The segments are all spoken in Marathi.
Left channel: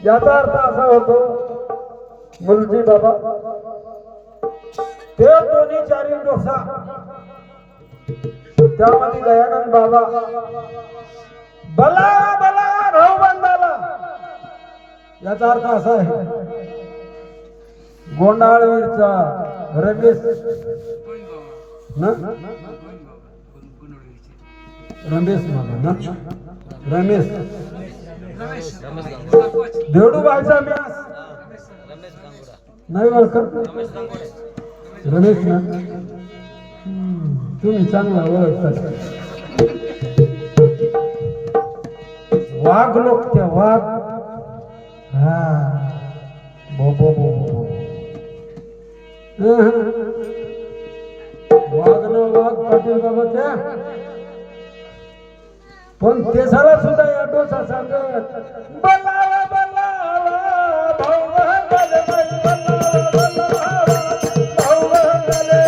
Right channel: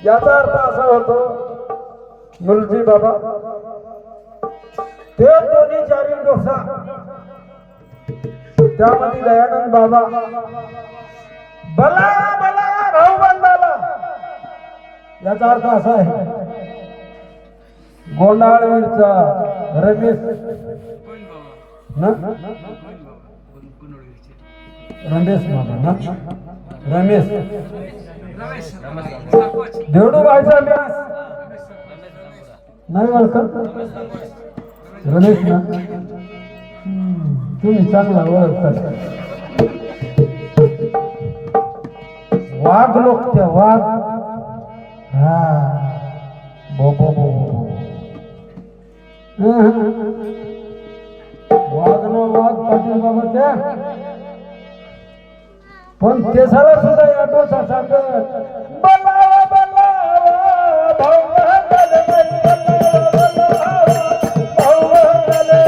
याचा अर्थ असा होतो मुलजी बाबा ते दोन्ही चारी डोसा त्यामध्ये दयानंद बाबा बला बला भाऊ बंधाला याचा अर्थ असा आहे गोंडाळवीरचा रमेश ना रमेश ना रमेश देवडू बायचा व्यास नाही ओळखत रमेश ना तुम्ही चांगला ओळखतात वाघ लोक त्या वाघ हा बो बो बो वाघ ना वाघ पाटील बाबा त्या पण केसाला सुद्धा या डोसा सांगत बलावा बलावा भाऊ बंधाले भाऊ बंधाले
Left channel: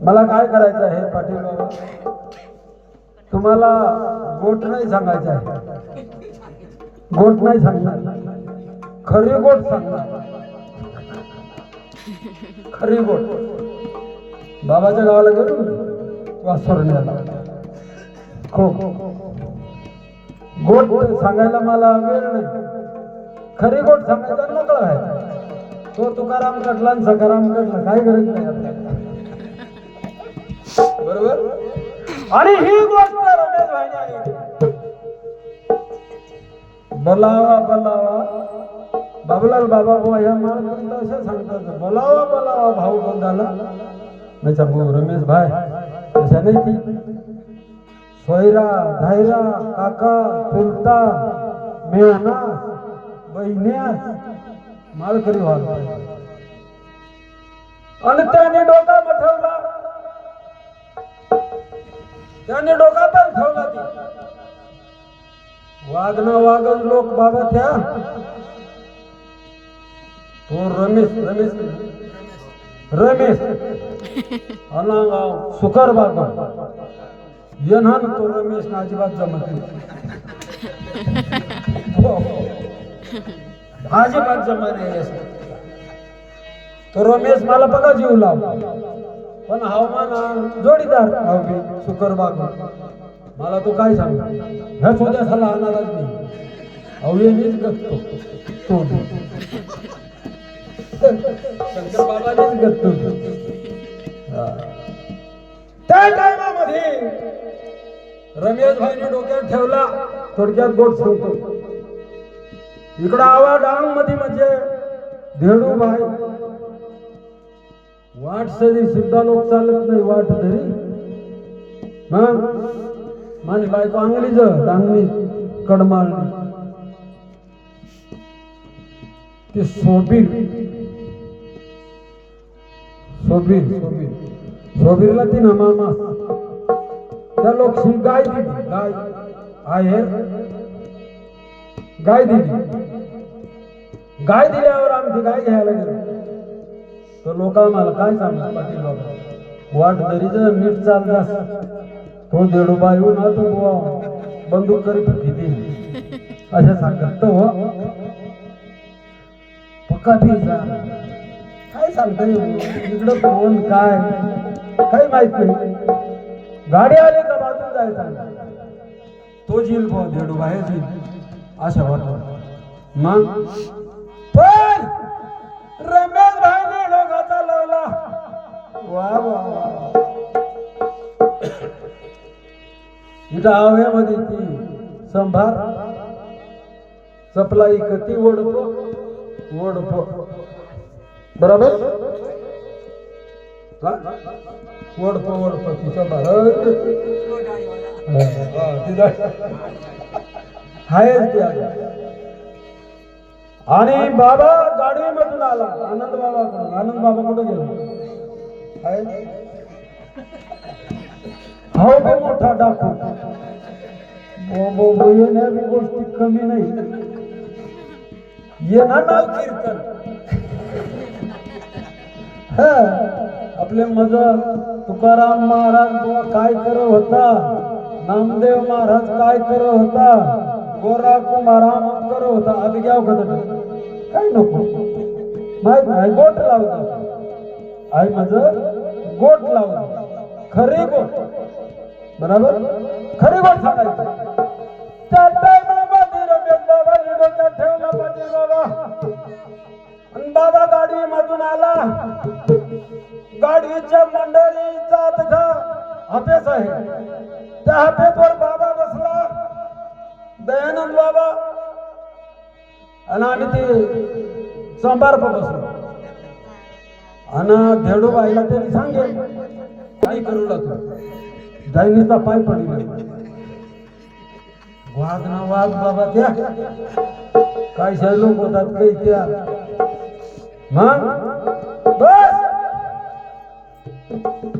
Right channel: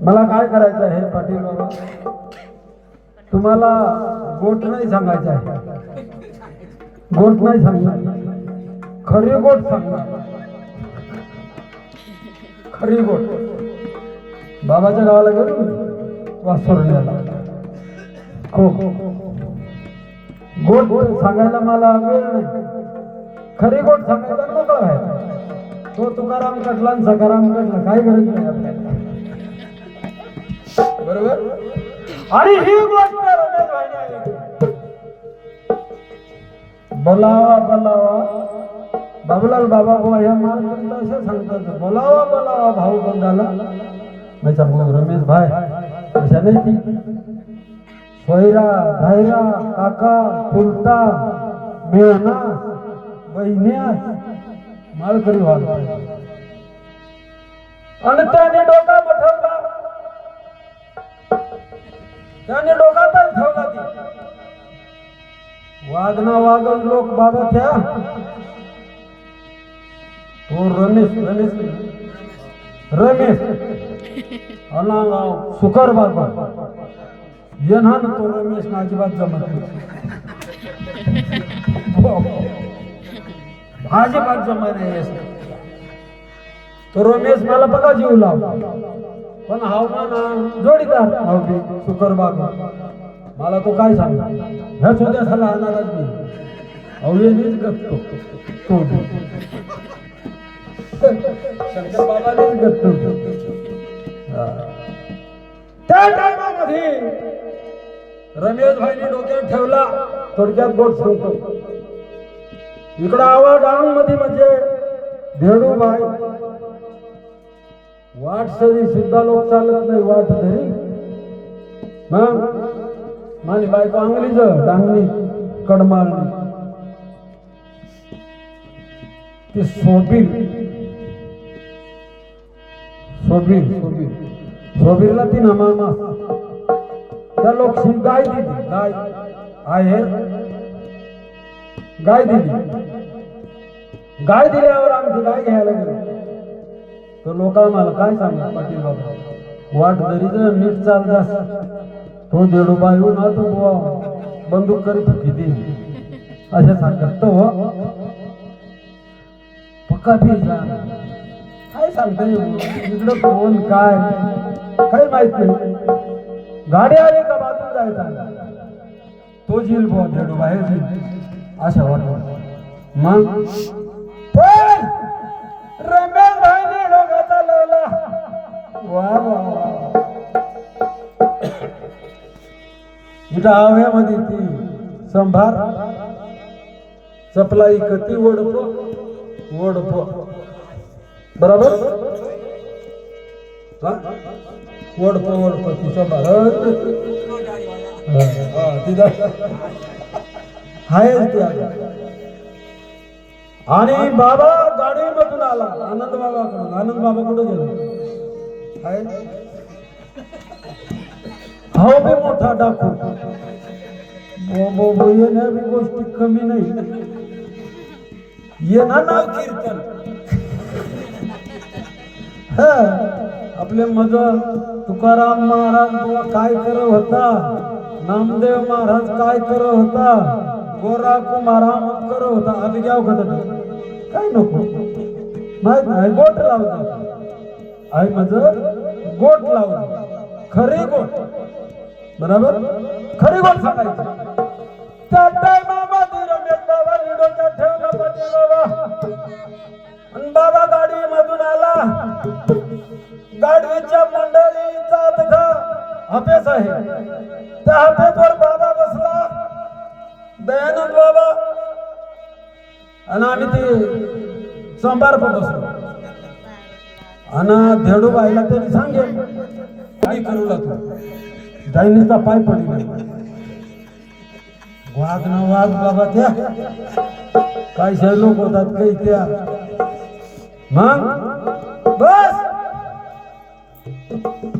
मला काय करायचं आहे पाटील बाबा तुम्हाला गोट नाही सांगायचं आहे गोट नाही सांगणार खरी गोट सांगणार खरी गोट बाबाच्या गावाला गेलो वासोरल्याला गोट सांगायला मला वेळ नाही खरी गोट सांगायचा मोकळा आहे तो तुकाराम कटला आणि सकाराम कटला काही गरज नाही आपल्याला बरोबर आणि ही गोष्ट रमेश भाईने बोलावा बोलावा बाबूलाल बाबा बुवा या माणसाला असे सांगतात बोलावा बोलावा भाऊ बंधाला मी सांगू रमेश भाई अशा नाही ती सोयरा धायरा काका चुलता मेहना बहिण्या माळकरी व्हाल आणि त्याने डोका बठवला त्याने डोकातच ठेवला ती वाघ ना वाघच लोक बाबा त्या तो रमेश रमेश रमेश अनागाव सुकर बाबा येना तो रमेश ना अजिबात जमत अजिबात जमत नाही तो रमेश मला बघा जीव लाव पण हवामान जोडीदार सुकर बाबा मला तो काय सांग ह्या छोट्या झाला आणारच मी अवयनीच गपतो तो शंकर बाबानेच गपतो त्या टायमामध्ये रमेश भाईने डोक्यात ठेवला थोडक्यात गोट सांगतो इकडं आवा डांग मध्ये म्हणजे धेडू भाई वाट सरी सुद्धा लोक चालत नाही वाट धरी माझी बायको अंगलीच डांगली कडमाळली ती सोबीरला ती ना मामा त्या लोक गाय दिली गाय आहे गाय दिली गाय दिल्यावर आमची गाय घ्यायला गेलो लोक आम्हाला काय सांगतात पाटील बाबा वाट धरी जर नीट चालतास तो देडोबा येऊन हा तो बुवा बंदूक करी किती असे सांगत तो पक्का भी काय सांगते इकडं कोण काय काही माहित नाही गाडी आली का बाजून जायचा तो झील बुवा देडोबा हे झील अशा वाटत मग पण रमेश भाईने डोका चालवला वा वा इथं आव्यामध्ये ती संभार चपलाई कती ओढपो बरोबर ओढपो ती संभार आणि बाबा गाडीमधून आला आनंद बाबा कुठे गेला हो बे मोठा डाकू येण्या बी गोष्टी कमी नाही येणार नाव कीर्तन आपले मज तुकाराम महाराज बुवा काय करत होता नामदेव महाराज काय करत होता गोरा कुमाराम करत होता आधी घ्याव काय नको माहित नाही गोट लावतो आई मज गोट लावतो खरी गोट बराबर खरी गोट सांगायचं त्या टायमामध्ये रमेश बाबा डोक्यात ठेवला पाटील बाबा आणि बाबा गाडी मधून आला गाडीच्या मंडळीचा तिथा हपेस आहे त्या हपेसवर बाबा बसला दयानंद बाबा आणि आम्ही ते संभार पण बसलो आणि धेडूबाईला त्यांनी सांगेल काय करू लागतो दाईनीचा पाय पडला वाघ ना वाघ बाबा त्या काय लोक होतात काही त्या मग बस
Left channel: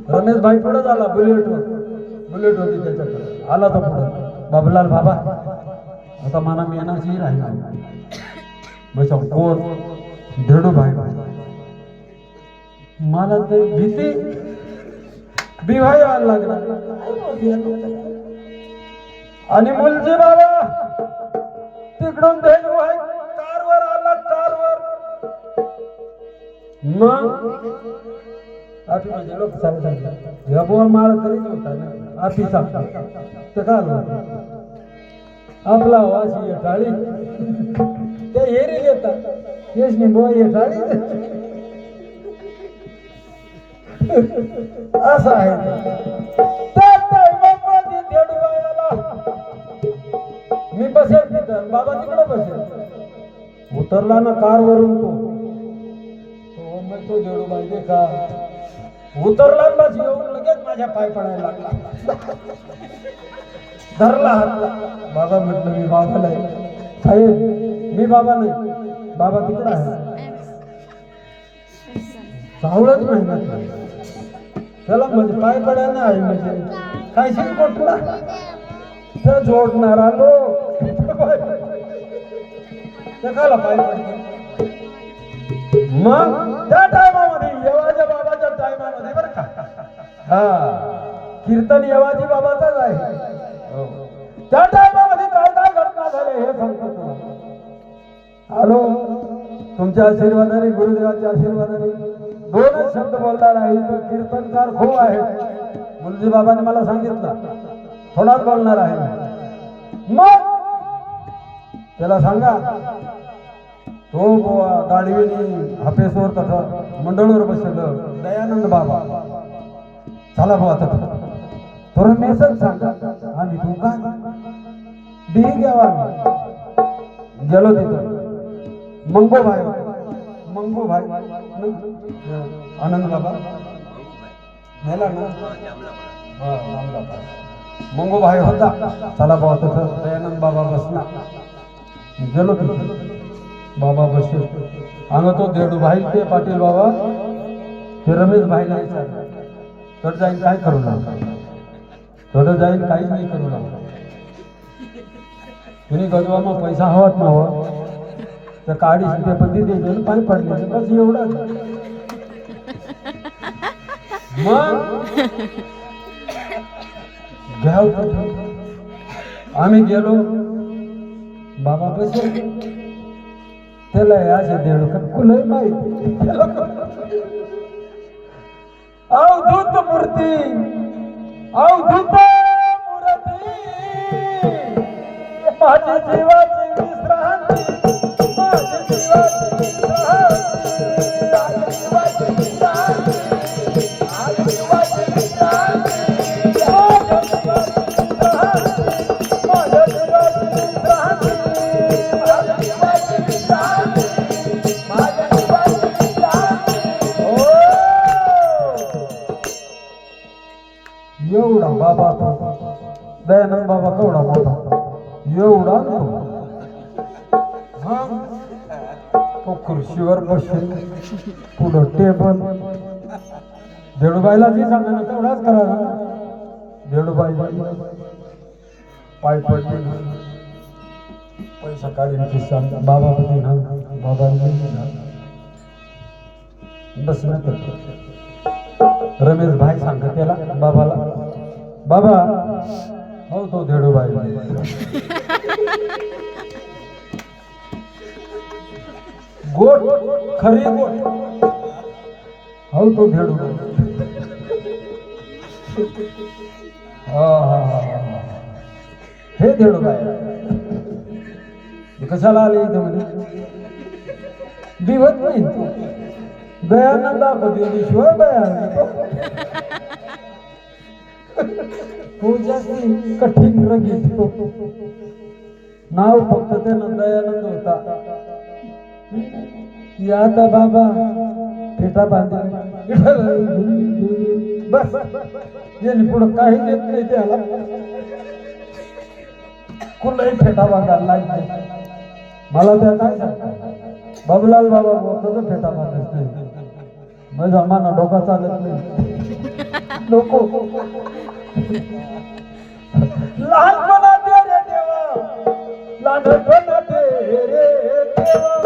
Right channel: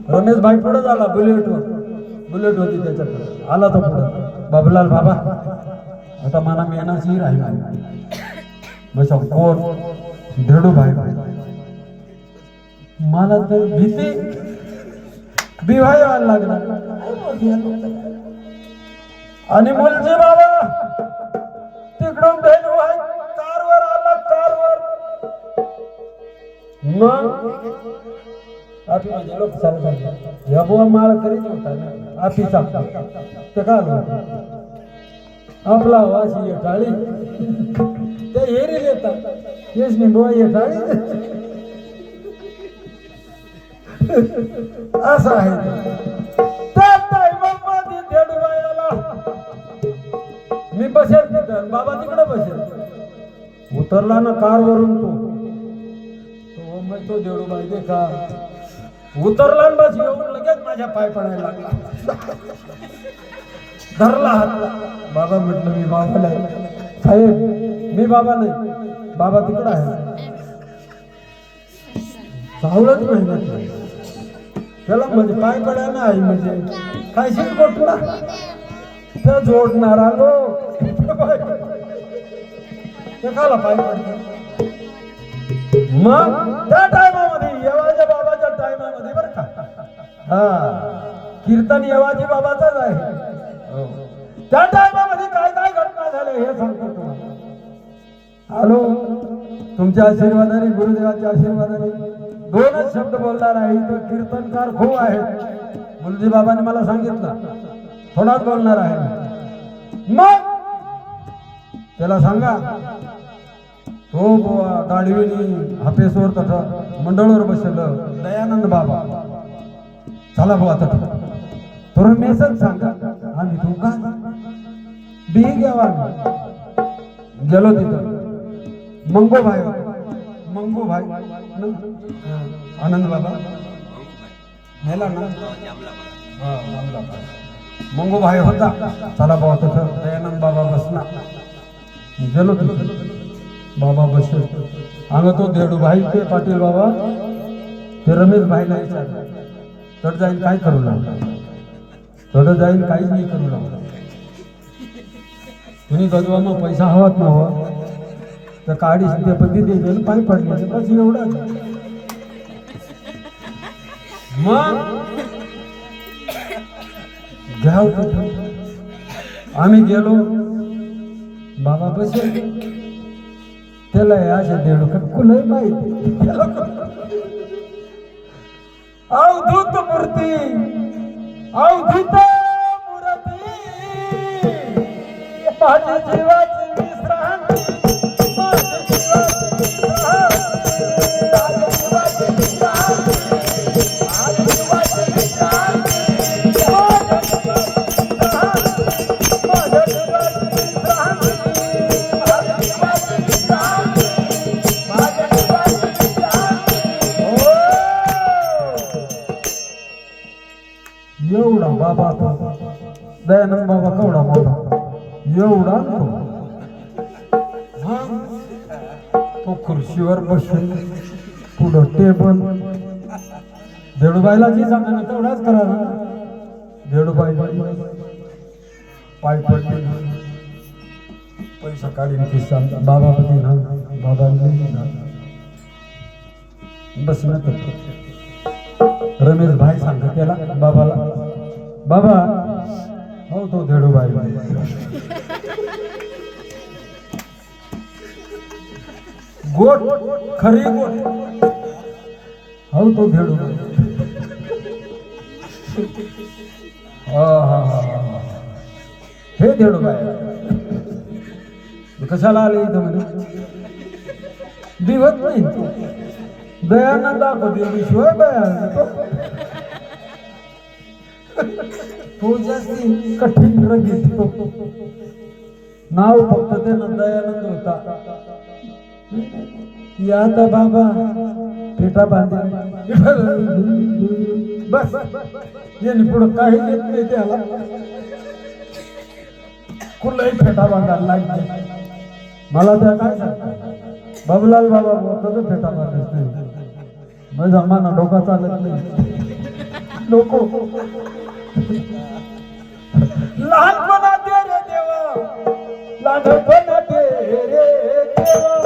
रमेश भाई पुढे झाला बुलेट होती त्याच्याकडे आला तो पुढे बाबूलाल बाबा आता मला मेनाची राहिला बस कोण धेडू भाई मला तर भीती बिवाय व्हायला लागला आणि मुलजी बाबा तिकडून धेडू भाई कारवर आला कारवर मग आपली म्हणजे लोक चालतात या बुवा माळ करीत होता ना आपीचा तर काय आपला वाशी टाळी ते हेरी येतात येस नाही बुवा ये टाळी असं आहे मी बसेल तिथं बाबा तिकडे बसेल उतरला ना कार वरून तो देडू पाहिजे का उतरला बस येऊन लगेच माझ्या पाय पडायला लागला धरला हातला बाबा म्हटलं मी बाबा नाही साहेब मी बाबा नाही बाबा तिकडे आहे चावलंच नाही त्याला म्हणजे पाय पडायला आहे म्हणजे काय शिकवला त्या जोडणार आलो त्याला पाय पडतो मग त्या टायमामध्ये येवाच्या बाबाच्या टायमामध्ये बरं का कीर्तन येवाजी बाबाचाच आहे त्या टायमामध्ये काय काय घटना झाल्या हे सांगतो तुम्हाला हॅलो तुमच्या आशीर्वादाने गुरुदेवाच्या आशीर्वादाने दोनच शब्द बोलणार आहे तो कीर्तनकार खूप आहेत मुलजी बाबांनी मला सांगितलं थोडाच बोलणार आहे मग त्याला सांगा तो गाडीने हापेसवर कथा मंडळवर बसलं दयानंद बाबा चला भाऊ आता थोडं मेसेज सांगा आम्ही तू का बी घ्यावा गेलो तिथं मंगो भाई आनंद बाबा मेला ना मंगो भाई होता चला भाऊ तिथं दयानंद बाबा बसला गेलो तिथं बाबा बसेल आणि तो धेडू भाई ते पाटील बाबा ते रमेश भाईला विचारलं तर जाईल काय करू लागला थोडं जाईल काहीच नाही करू लागला तुम्ही गजवामा पैसा हवात ना हवा तर काढीस ते पती द्यायचं पाय पडले बस एवढं मग घ्या आम्ही गेलो बाबा बसे त्याला असे देणू कुलही माहिती अवधूत मूर्ती अवधूत मूर्ती माझ्या जीवाची विश्रांती माझ्या जीवाची एवढा बाबा दयानंद बाबा केवढा मोठा एवढा तो खुर्चीवर बसून पुढं टेबल धेडूबाईला जी सांगा तेवढाच करा धेडूबाई पाय पडले पैसा काढीन खिस्सा बाबा ना बाबा बस ना रमेश भाई सांगत त्याला बाबाला बाबा हो तो धेडूबाई गोट खरी गोट हो तो धेडूबाई हे धेडूबाई कशाला आले इथं दिवत नाही दयानंद दाखवते शिवाय बाया तो जास्ती कठीण रंगीत नाव फक्त त्यानं दयानंद होता आता बाबा फेटा बांधे बस याने पुढं काही देत नाही त्याला कुठलाही फेटा बांधायला लागते मला त्या काय सांगतात बाबूलाल बाबा कसं फेटा बांधत नाही माझा माना डोका चालत नाही नको लहानपणा दे रे देवा लहानपणा दे रे देवा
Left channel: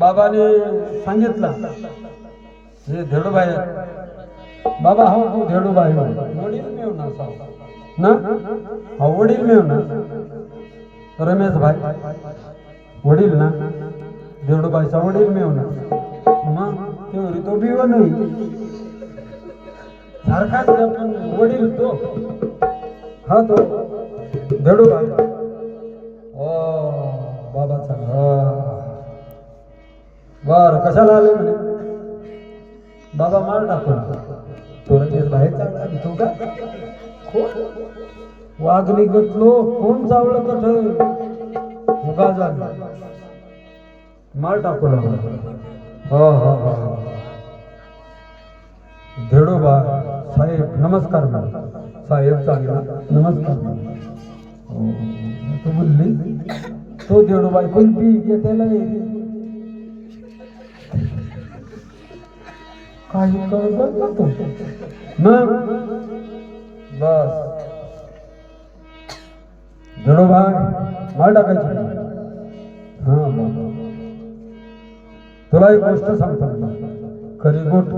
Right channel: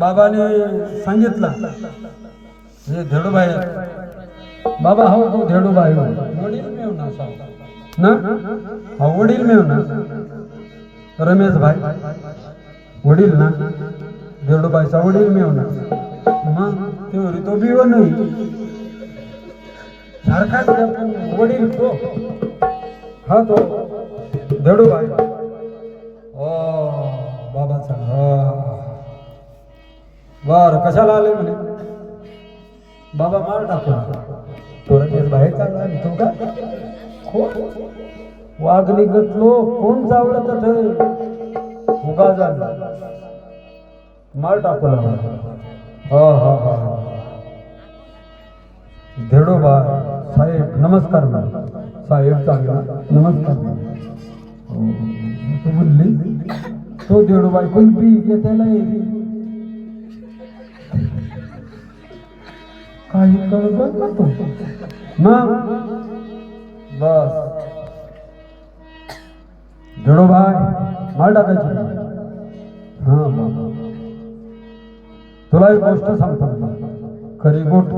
बाबाने सांगितलं हे धेडूबाई बाबा हो हो धेडूबाई हो वडील मिळू ना हा वडील मिळू ना रमेश भाई वडील ना धेडूबाईचा वडील मिळू ना मग तेवढी तो बिव नाही सारखाच वडील तो हा तो धेडूबाई ओ बाबाचा बर कशाला आले म्हणे बाबा मार टाकला तो रमेश बाहेर चालला तू का वाघ निघतलो कोण चावलं तर उगा झाला मार टाकला धेडूबा साहेब नमस्कार साहेब चांगला नमस्कार तो बोलली तो धेडूबाई पण बी घेतायला काही कळत नव्हतो मग बस धेडूबाई मार टाकायची हा बाबा तुला एक गोष्ट सांगतो खरी गोट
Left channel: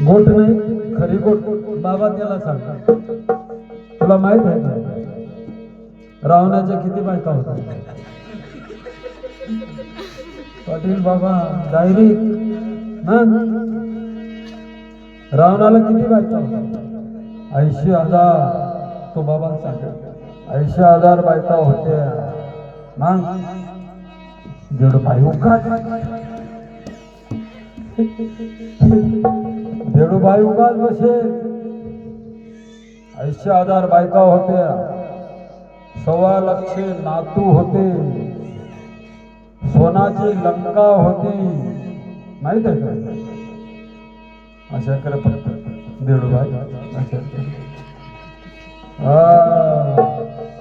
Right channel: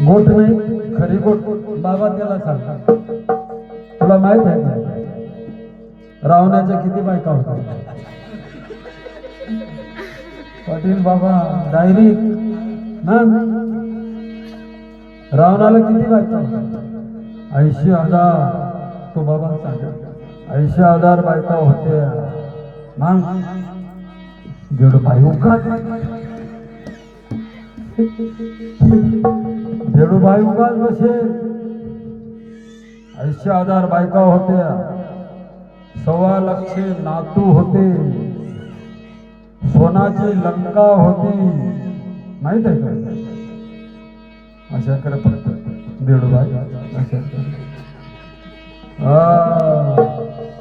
गोट नाही खरी गोट बाबा त्याला सांगतात तुला माहित आहे का रावणाच्या किती बायका होत्या पाटील बाबा डायरेक्ट मग रावणाला किती बायका? 80,000. तो बाबा सांगत 80,000 बायका होत्या. मग जेवढं बाई उगाच जेवढं बाई उगाच बसे. 80,000 बायका होत्या. 1,25,000 नातू होते. सोनाची लंका होती. माहित आहे का? अशा कर फक्त देडूबाई अशा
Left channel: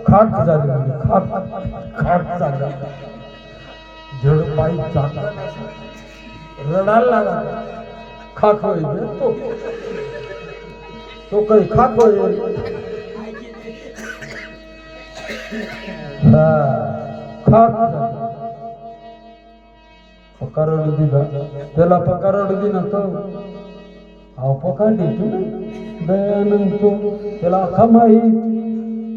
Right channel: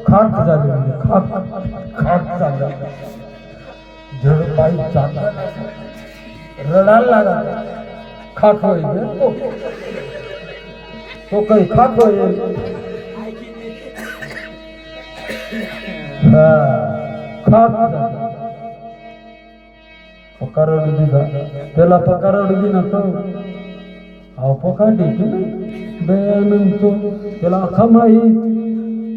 खाट झाली म्हणजे खाट झाली. देडूबाई रडायला लागला. खाट होईल तो काही खाट होईल. पकारवडी त्याला पकारवडी नसतो. अहो पकारडी म्हणतो त्याला अख्खा माहीत.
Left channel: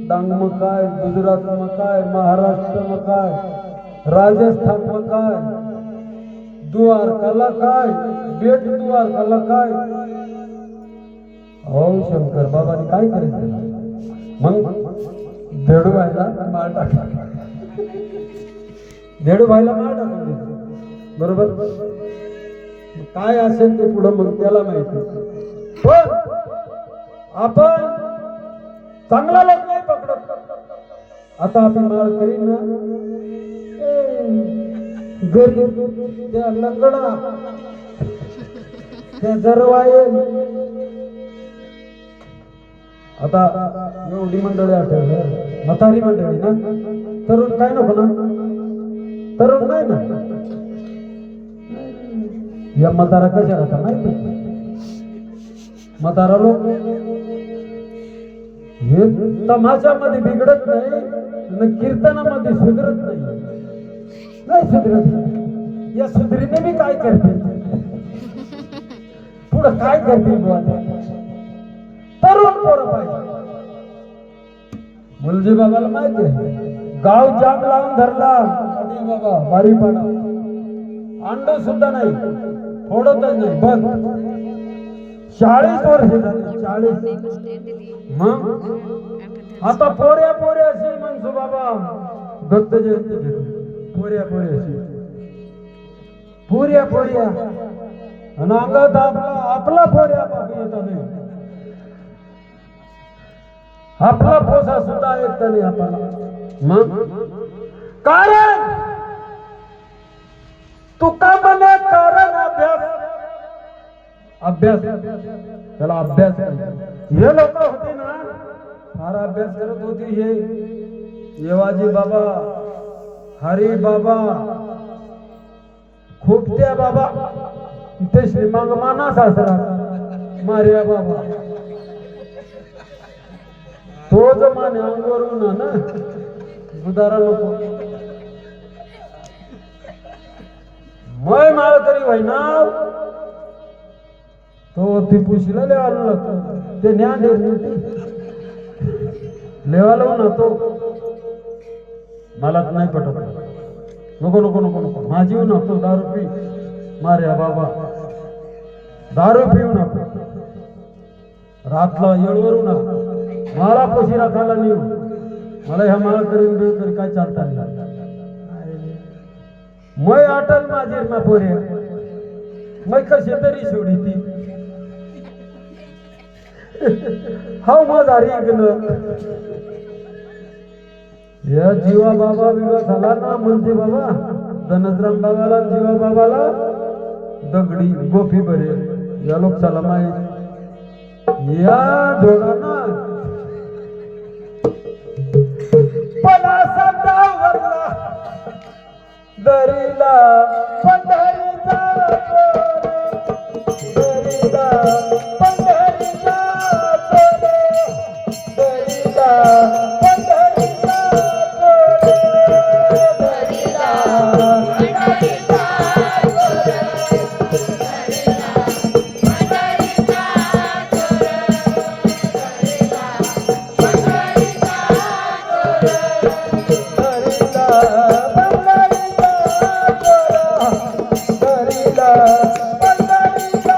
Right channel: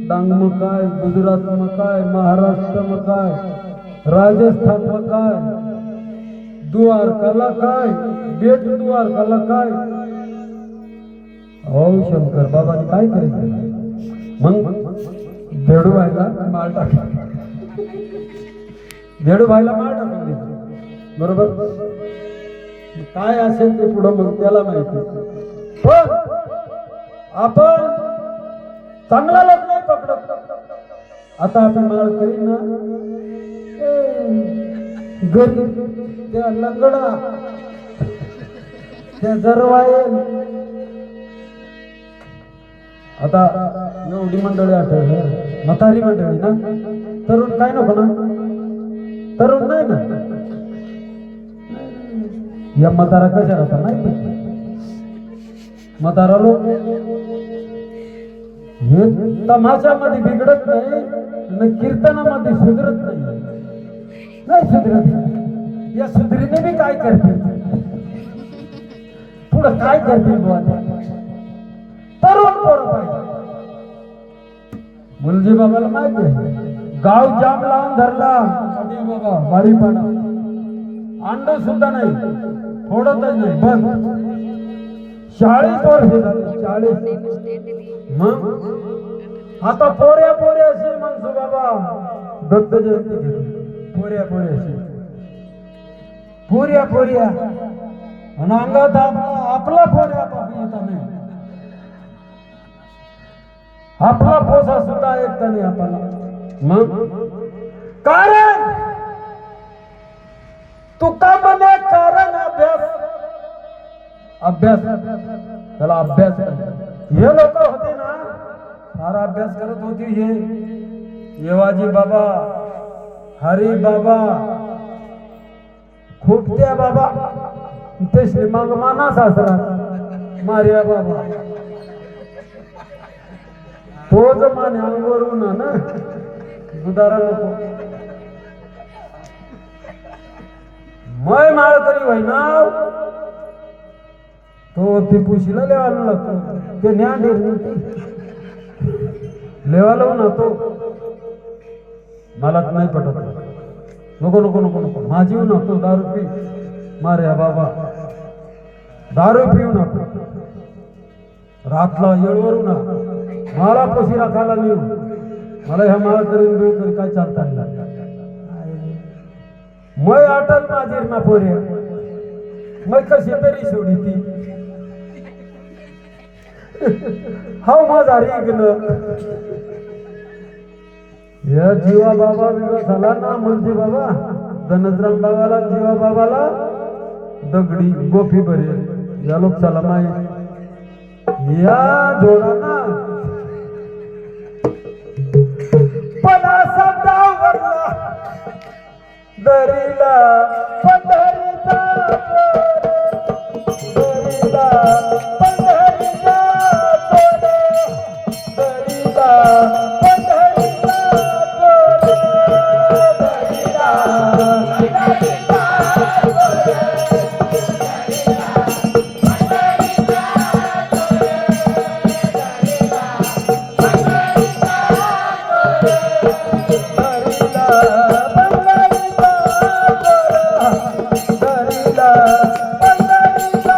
डांग मग काय, गुजरात मग काय, महाराष्ट्र मग काय, राजस्थान मग काय, द्वारकाला काय, बेट द्वारकाला काय. हो शंकर बाबाने काय करायचं? मग देडू व्हायला माळ टाकला. देडू व्हायला माळ टाकून दिली. बरोबर. काय असेल ते पुढं मग त्याला माहिती. पण आपण चांगला लोक नाही पकडत. आता आपण माळ करीन ना गरीब त्या लंगडा त्या जरवाईल. आता एवढी मंडळी आठवलं. म्हातारी मंडळी ना. तरुण काय नको ना. तरुण नाही ना. या म्हातारा कशा होता माहिती? म्हातारा लोक हे तमाशामध्ये बिघडत नाही, कीर्तनामध्ये सुधरत नाही सुधरत. या सुधरीने बी काय करते? पुढं काय करतील बुवा? तरुण पोरं पाहिजे. मुलजी बाबाला माहिती आहे. गाव जाम लावून धरला बाबा बारीपाडा. अंड सुद्धा नाही, फोडतच नाही. बंद. 40 वर्ष झाले. 40. मग आता पोऱ्या अशी मग बाबा दत्त जयंती घेतली. पोऱ्या आणि अंगात आपला पोऱ्या येता नाही. आपला पोसा सुद्धा ऐकता नाही आपल्याला. मग कारण तुका म्हणे कारण अभ्यास त्याला अभ्यास. हे लोक होते ना सारा अभ्यास करत होती. हे येवाजी बाबा, हरी बाबा, खोपट्या बाबा, ते श्रीमंग माना सासरा मारिया बाबा. तोच माने अंगवरून ना दुधारा नको. मय माळ तरी होईना. तो टिपूशीला लेवाला लागतो. ते ज्ञान लेवाला नव्हतो. मला नाही पटत. नको माझी नव्हतो. दारू पी मार्या बाबा. दारू पिऊ नको. रातला येळवरू ना. मला पोशी राखायला नेऊ. मला ह्या माळ करून बिळ काय चालता नाही. मय आटल माझीर ना पोरे. मग कशी तरी सोडी ती. हा माझा रेगन. या जीवा बाबा विवाह झाला ना. मुलजी बाबा धनसराम बाबाला जीवा बाबाला दगडी गोफी बरे. या लोकशाला माहीत. या जोडाना दरीला पंढरीचा दरीला पंढरीचा दरीला पंढरीचा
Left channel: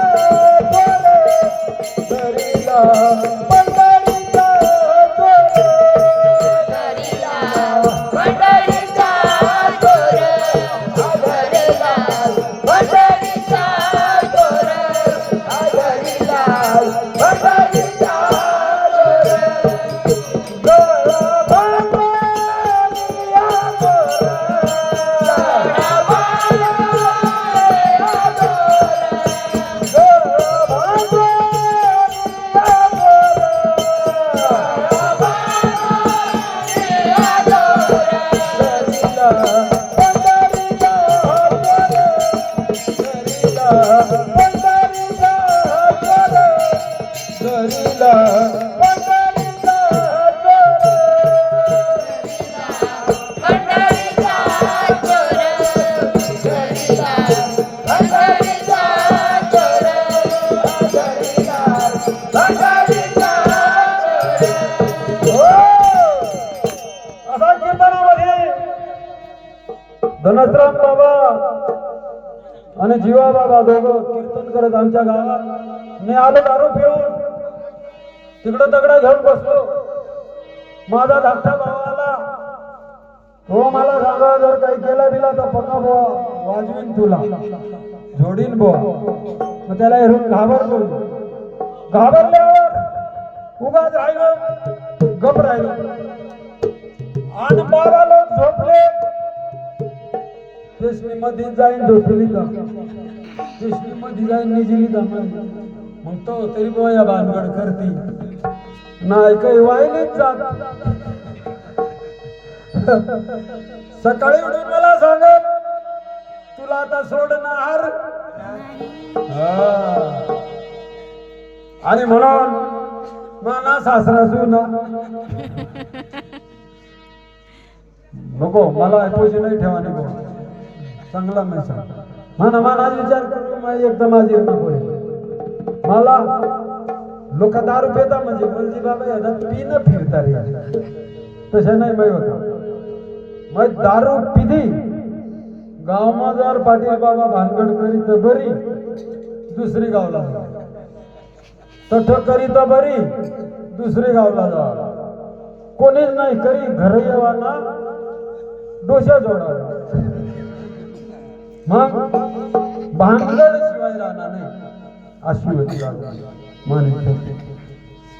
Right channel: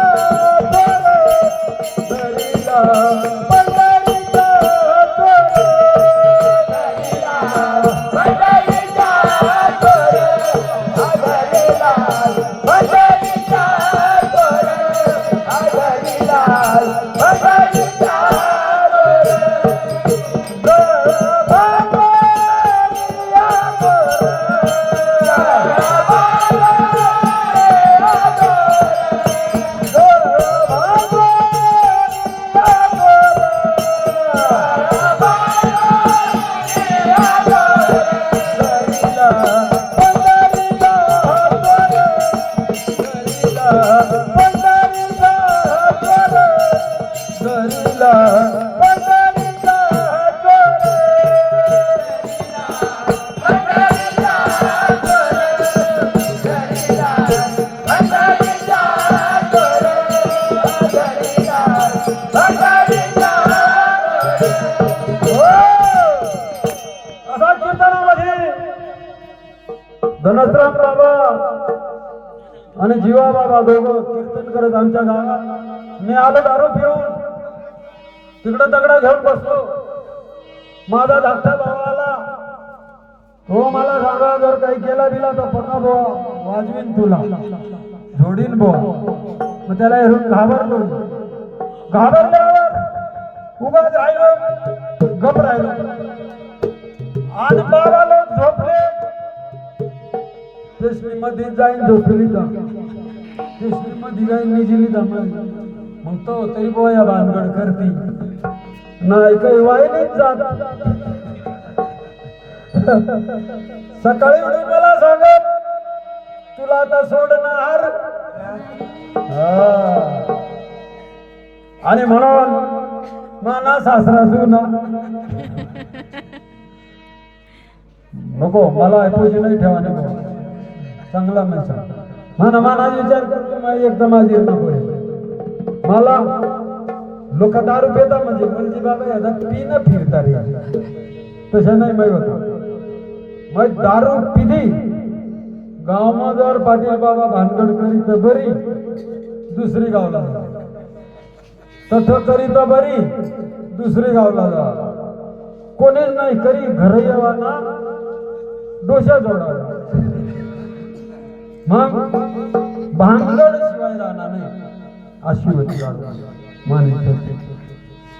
घरीला पंढरीचा चोर असा कीर्तनामध्ये धनसराम बाबा आणि जीवा बाबा दोघं कीर्तन करत आमच्या गावात मी आलो दारू पिऊन तिकडं दगडा घेऊन बसलो. माझा धाकटा भाव आला. हो मला सांगा जर काही केला दिला तर पक्का भावा वाजवीन तुला जोडीन बो. मग त्याला हेरून घाबरलो. घाबरल्यावर उगाच राहिलो गप राहिलो आणि बाबा लोक झोपले. कृष्णी मध्ये जाईन झोपली तर कृष्णी मध्ये जाईन निजिली दमली. मग तो तरी बोया भानगड करती नाही काही वाहिलीच जात. सकाळी उठून मला सांगत तुला आता सोडणार आणि म्हणून माना सासरा सुना नको मला ऐकूची नाही ठेवा नको चांगला माणसा म्हणा मला विचार करतो माझी एकदम माझी नको मला लोक दारू पेता म्हणजे बोलजी बाबा याला पिणं फिरता रे तसं नाही माहिती होता. मग दारू पिली गावમાં जर पाटील बाबा भानगड करी तर बरी दुसरी गावला जा तठ करी तर बरी दुसरी गावला जा कोणीच नाही करी घर येवाना डोशा जोडावा. मग भानगड शिवाय जाणार नाही अशी होती गाव माने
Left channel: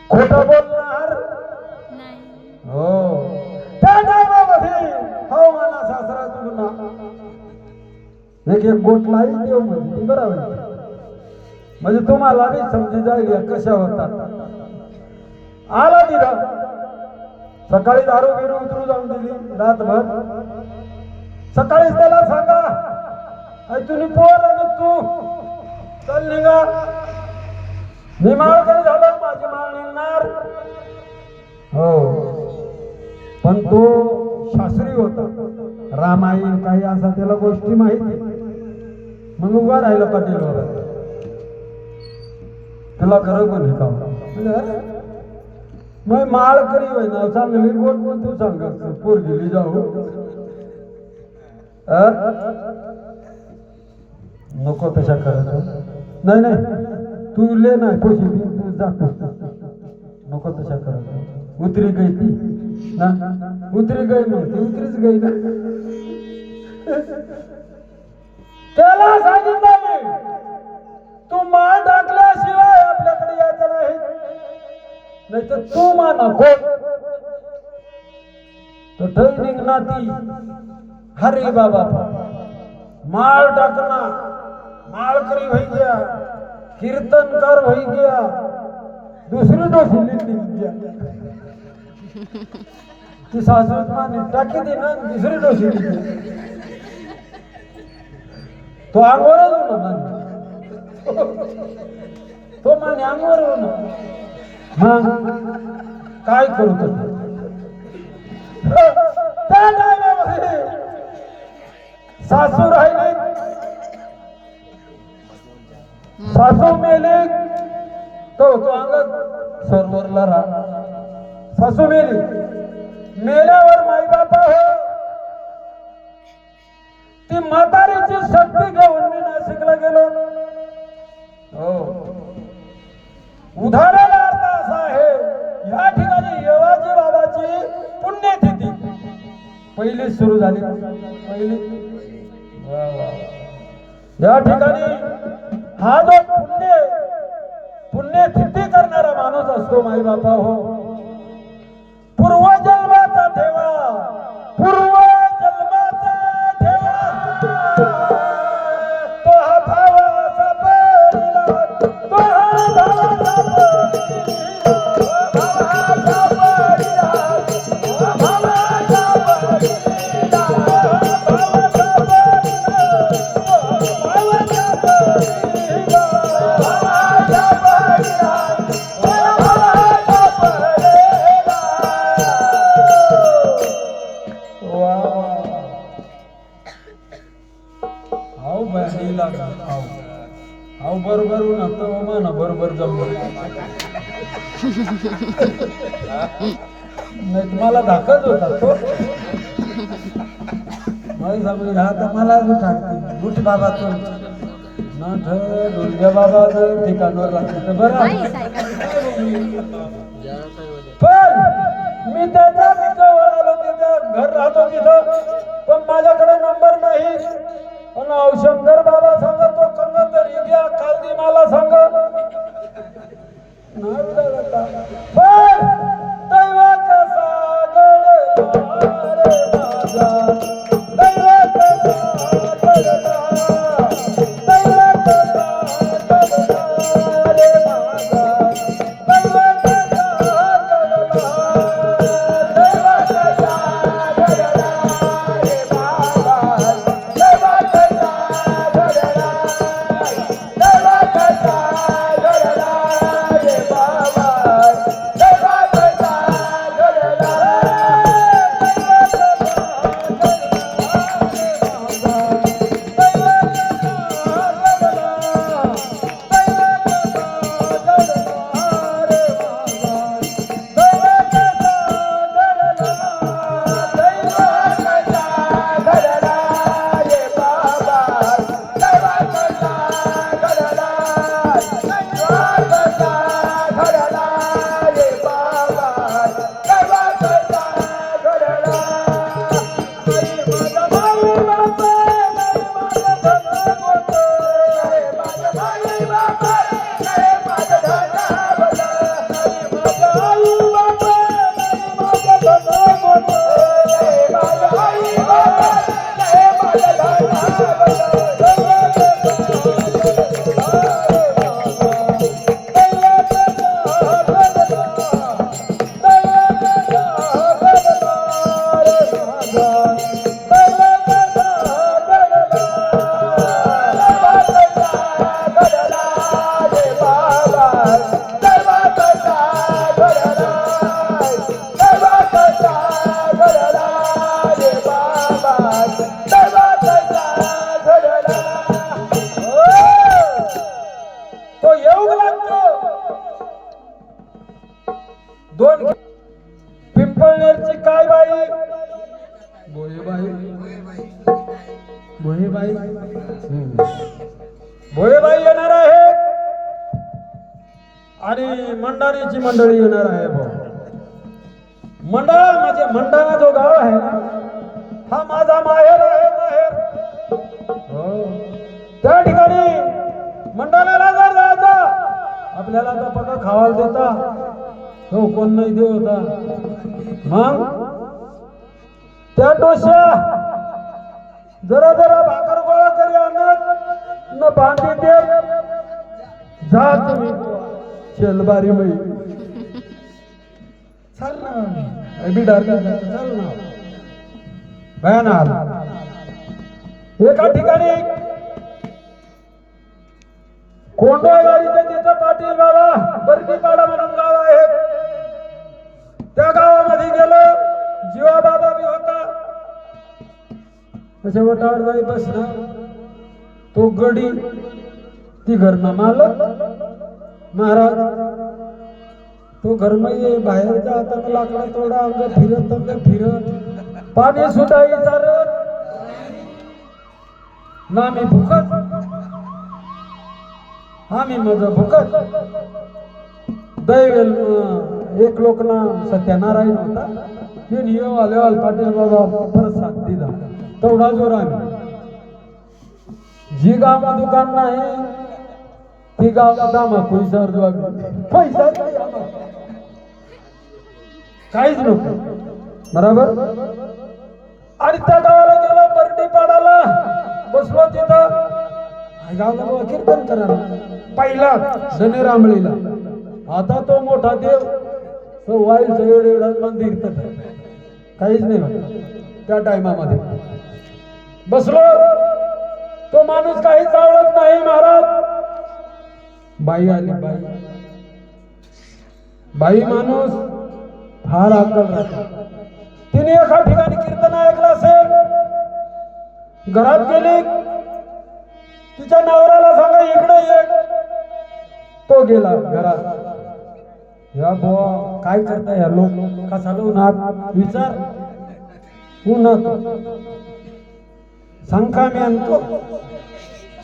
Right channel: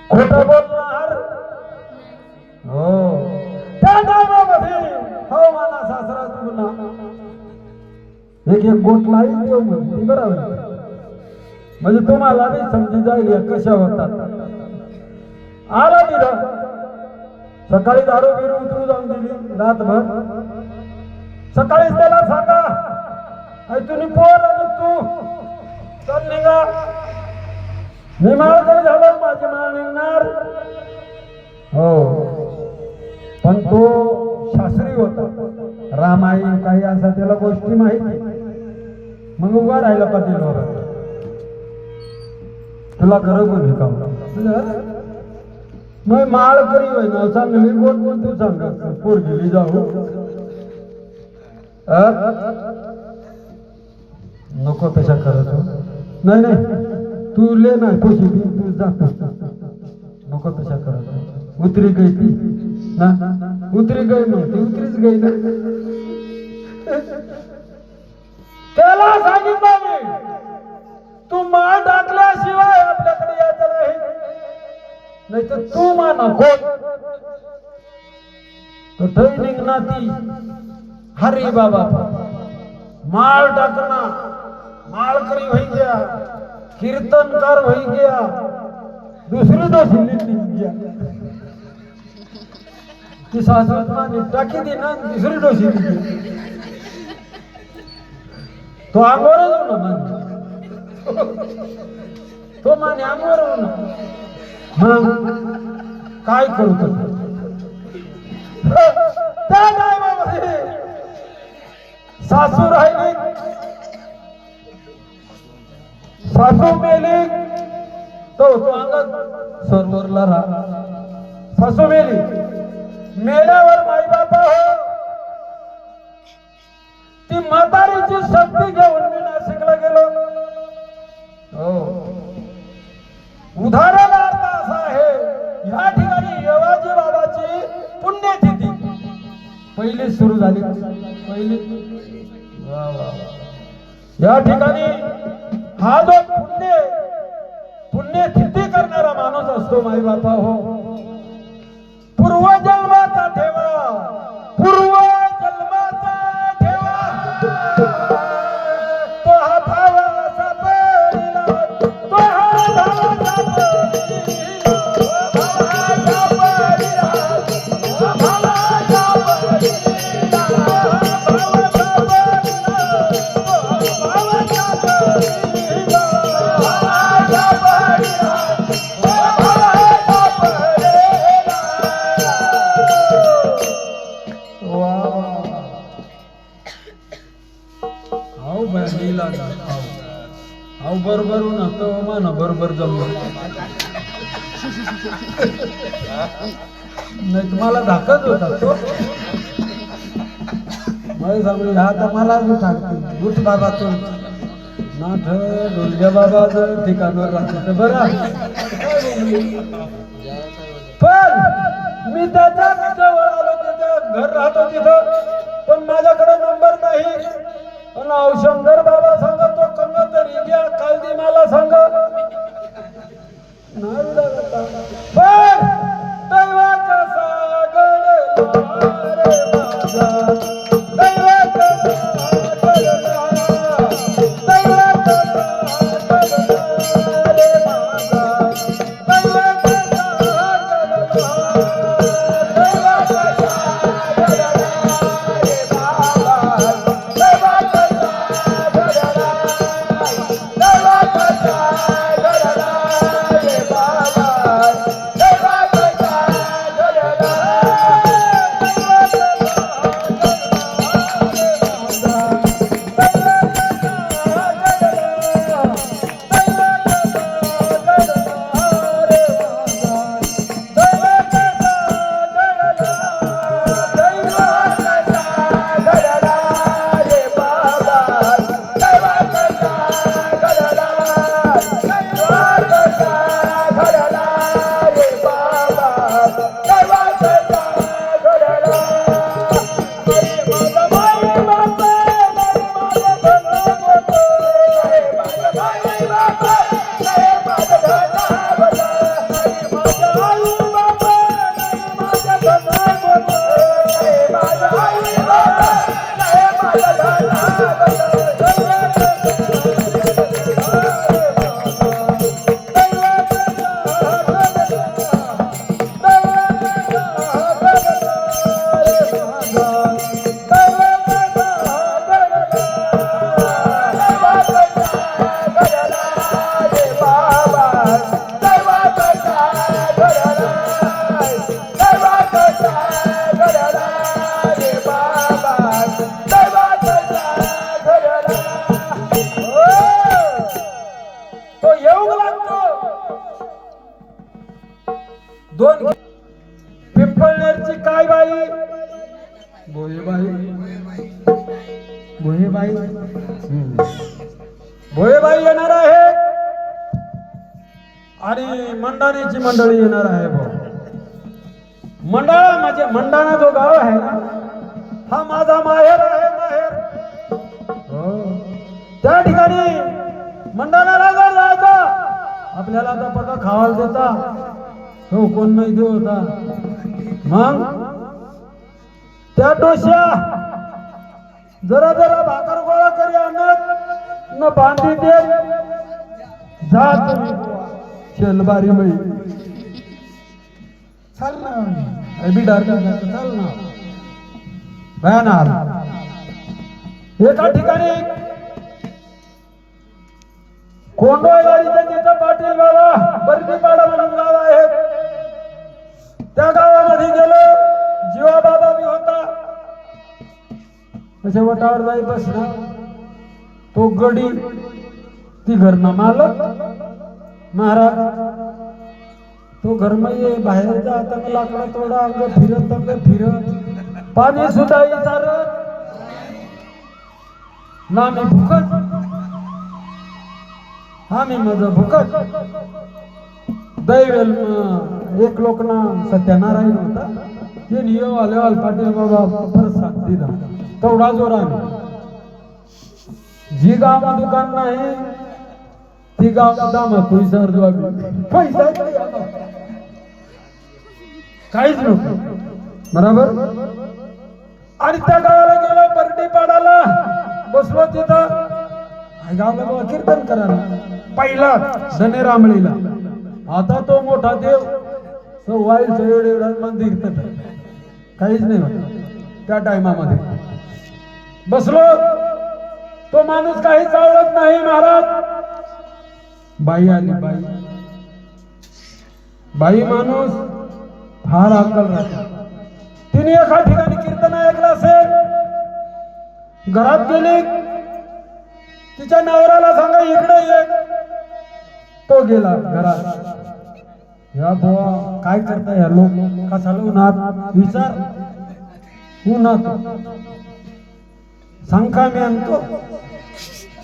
खोटं बोलणार हो त्या गावामध्ये हो माना सासरा चुकना एक एक गोट लाई देव म्हणजे बरोबर म्हणजे तुम्हाला बी समजी जाईल कशा होतात. आला तिला सकाळी दारू बिरू उतरू जाऊन दिली रातभर. सकाळीच त्याला सांगा तुम्ही पोर आणि तू चल निघा मी माळ तरी झालं माझी माळ निघणार हो. पण तो शास्त्री होता रामायण काही असा त्याला गोष्टी माहिती. मग उभा राहिला पाटील बाबा तुला गरज नाही का मग माळ करी होय ना चांगली गोट पण तू सांग पोर गेली जाऊ नको कशा करत नाही नाही तू ले नाही पैसे तू जातो नको तशा करत उतरी गई ती ना उतरी गई म्हणते उतरीच गई ना. त्याला सांगितलं मी तू मान टाकल्याशिवाय आपल्याकडे यायचं नाही तर तू मा नको तो निघना ती हरे बाबा माळ टाकना माळकरी होई गया कीर्तनकार होई गया दुसरी दोषी निघ गया की सासू टाकी दी ना दुसरी दोषी निघ तो आंगोरच हो ना तो माने आंगोर हो ना मग काय करतो त्या टायमामध्ये सासू राहिली सासू मेली तो अंगत सरवरला राहा. सासू मेली मेल्यावर माई बापा हो ती म्हातारीची शक्ती घेऊन मी नाशिकला गेलो. हो उदाहरणार्थ अर्थ असा आहे या ठिकाणी येवाजी बाबाची पुण्यतिथी पहिली सुरू झाली पहिली या ठिकाणी हा जो पुण्यतिथी करणारा माणूस असतो माई बापा हो पूर्वजन्माचा ठेवा पूर्वजन्माचा ठेवा तो हा भावाचा परिला तो हा भावाचा परिला बरोबर होतो मान बरोबर जमलं नाही तुम्हाला धाकच होता तो समज हा तर मला टाकते लुट बाबा तो नाथ डोलग्या बाबा ठिकाणवर राहतो बरं पण मी त्याच्या जवळ आलो त्याच्या घर राहतो तिथं पण माझ्याकडे नंबर नाही आणि शंकर बाबा सांगतो कम तरी घ्या कालदी मला सांग दैवाचा सागर रे माझा दोन पिंपळनेरची काय बाई भोयेबाई येणार आहे आणि मंडळीची मंडळी येणार आहे मंडळा म्हणजे मंडाणा जो गाव आहे ना हा माझा माहेर आहे माहेर त्या ठिकाणी मंडाणाला जर जायचा आपल्याला तर पका खावायला देता हो कोण नाही देव होता मग त्या डोश्या जरा जरा भाकर गोळा करी आणत न बांधी दे जा तुम्ही शेलबारी बाई चाल ना अभी डारका चाल ना भयानाल एका ठिकाणी कोंडवाईच्या तिचा पाटील गावा बर्दीपाडा म्हणून गाव आहे त्या गावामध्ये गेलो जीवादादा बी होता त्याच्या वटावर जाई बसला तो गडी ती घरना मालक महाराज तो घर मध्ये बाहेरच्या हातात लाकडा तोडा अंग फिरत पाणी सुद्धा विचार ना मी भुकत आम्ही माझं भुकत दैवेल एक लोकना सत्यनारायण होता ते नियम आल्यावर पाटील बाबा प्रसाद दिला तेवढा जोर आम्ही जी गाव दुकान नाही ती गाव दामा पैसा पैसा काहीच नको बरोबर आणि त्या गावाला गेला बर्दीपाडाला बसलो तिथं गावाला कीर्तन करायला पहिला शनिरामळीला आता तो मोठा देव वाईलचं एवढा मंदिर तर काहीच नाही त्या टायमामध्ये बसलो तो माणूस काही चालत नाही महाराज बाई आली बाई माणूस फार अक्कल राहते तिने एका ठिकाणी कीर्तन ऐकलं असेल घरात गेली तिच्या नवऱ्याला सांगा इकडे ये तो गेला घरात। या बुवा काय करता या लोक कसा उन्हात विचार उन्हात सांगा मी आणतो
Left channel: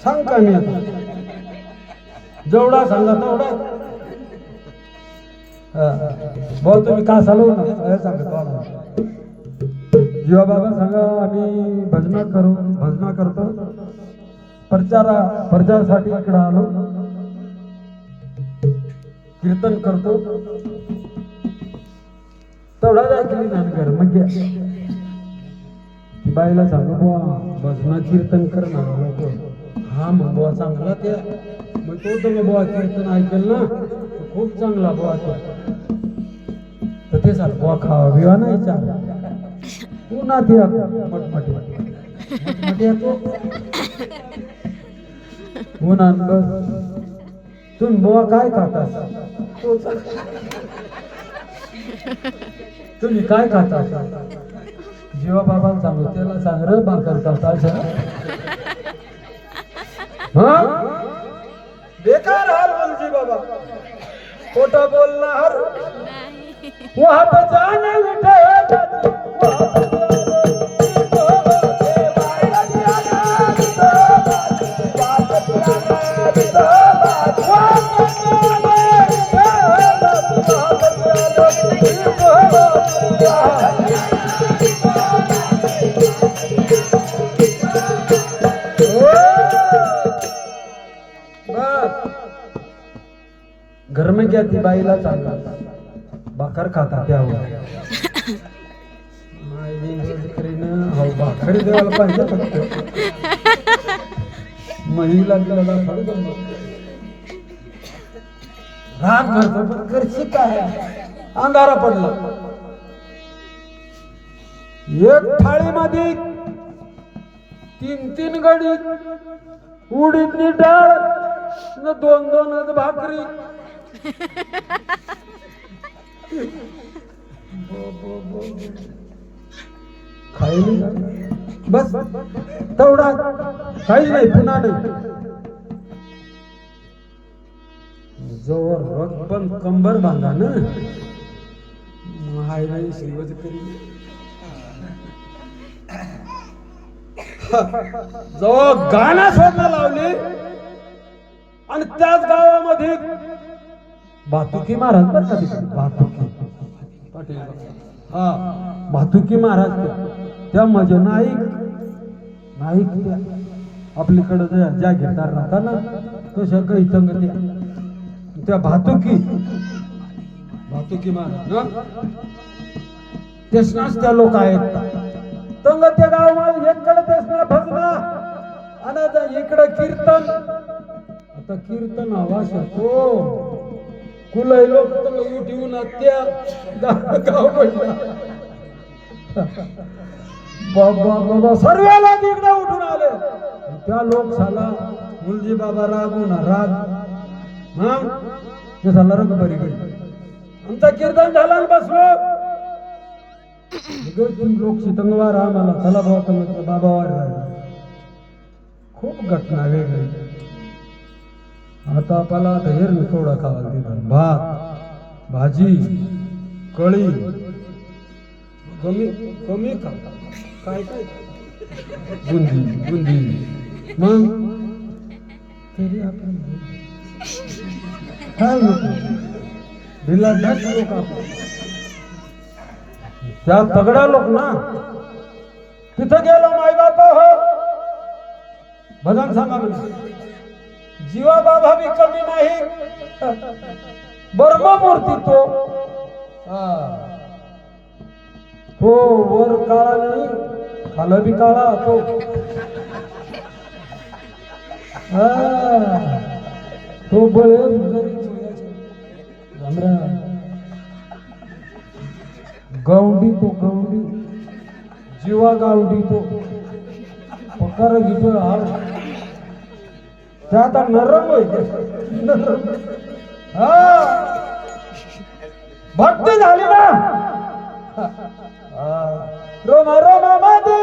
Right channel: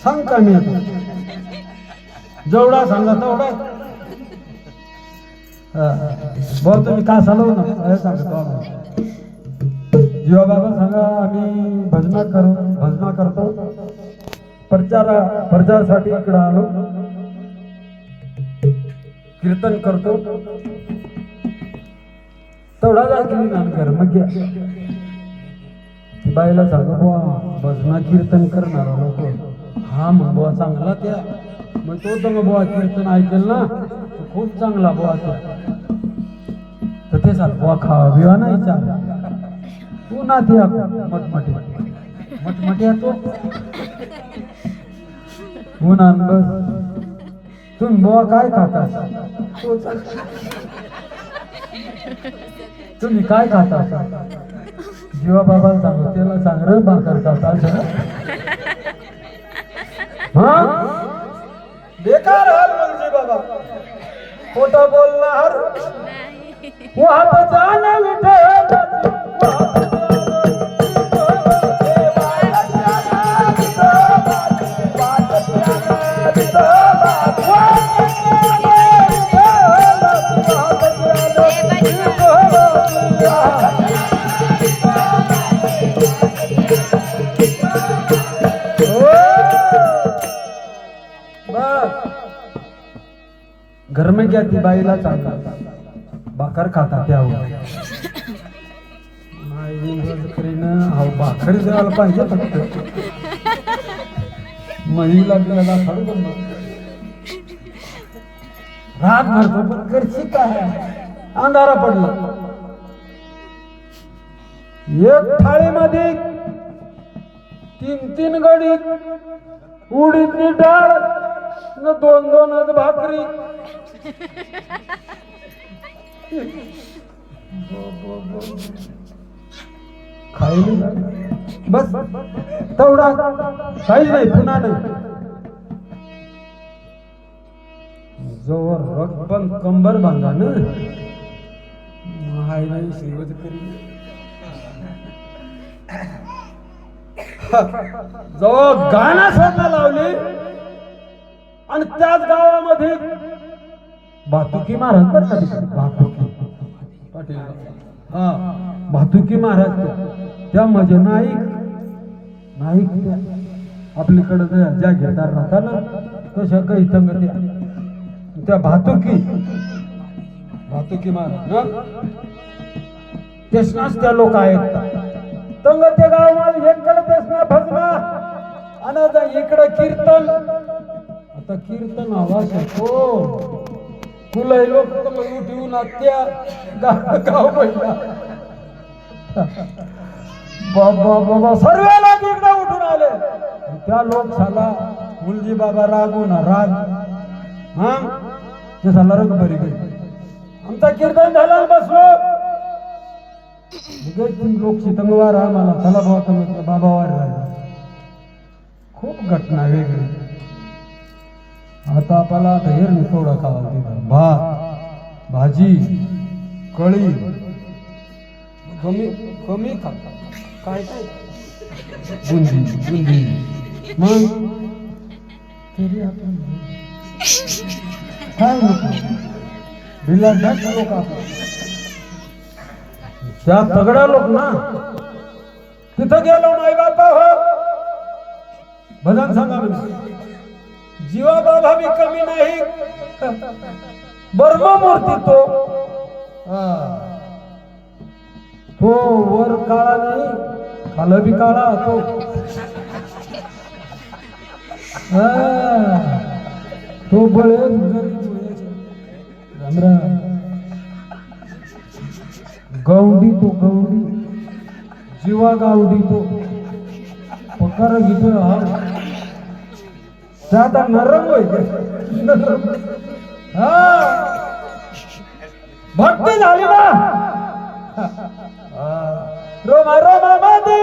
सांगा मी आणतो जेवढा सांगा तेवढा भाऊ तुम्ही का चालू ना सांगतो जीवा बाबा सांगा आम्ही भजना करतो प्रचारासाठी इकडे आलो कीर्तन करतो तेवढा ऐकली नानकर मग बाईला सांगा बुवा भजना कीर्तन करणार लोक हा मग बुवा चांगला त्या मग तो तर मग बुवा कीर्तन ऐकेल ना खूप चांगला बुवा तर ते सांग बुवा खावा बिवा नाही चांगला तू ना ती मटमटी तो उन्हान बस तुम्ही बुवा काय खाता तुम्ही काय खाता जीवा बाबा सांगू त्याला सांग रे भाकर खाता बेकार हाल म्हणजे बाबा खोटं बोलणार जाना विठे घर में क्या थी बाईला सांगा भाकर खाता त्या भाकर जेवायला पाहिजे फक्त महिला बिला खडून राग भरतो करशी काय अंधारा पडलं एक थाळीमध्ये 3 गडी उडीदची डाळ न 2 भाकरी खायली बस तेवढा काही नाही पुन्हा नाही जोवर रगबन कंबर बांधा ना हाय नाही श्रीवत करी जेव्हा गाणं शोधणं लावली आणि त्याच गावामध्ये भातुकी महाराज भातुकी पाटील हा भातुकी महाराज त्या म्हणजे नाईक आपल्याकडे ज्या घेणार राहता ना तशा काही संगत्या त्या भातुकी महाराज तेसनाच त्या लोक आहेत तंग त्या गावामध्ये एककडे तेसना भजना आणि इकडे कीर्तन आता कीर्तन आवाज होतो कुलई लोक तर उठवून त्या गाव पडला बाबा सर्वेला तिकडे उठून आले त्या लोक झाला मुलजी बाबा रागून राग हा ते झाला रग बरी गई आमचा कीर्तन झाला बसलो लोक शितंगवार आम्हाला चला बाबा बाबावार राहिला खूप घटना वेगळी आता आपल्याला धैर्य थोडं खावा दिलं भात भाजी कळी कमी खा काय बुंदी मग तरी आपण काय लोक आपले त्या तगड्या लोक ना तिथं गेलो नाही का भजन सांगा म्हणजे जीवा बाबा भी कमी नाही बर्मा मूर्ती तो वर काळा नाही खाला बी काळा तो बळे गौंडी जीवा गावडी तो पकार घेतो आता नरम भक्ती झाली ना रोमा रोमा मध्ये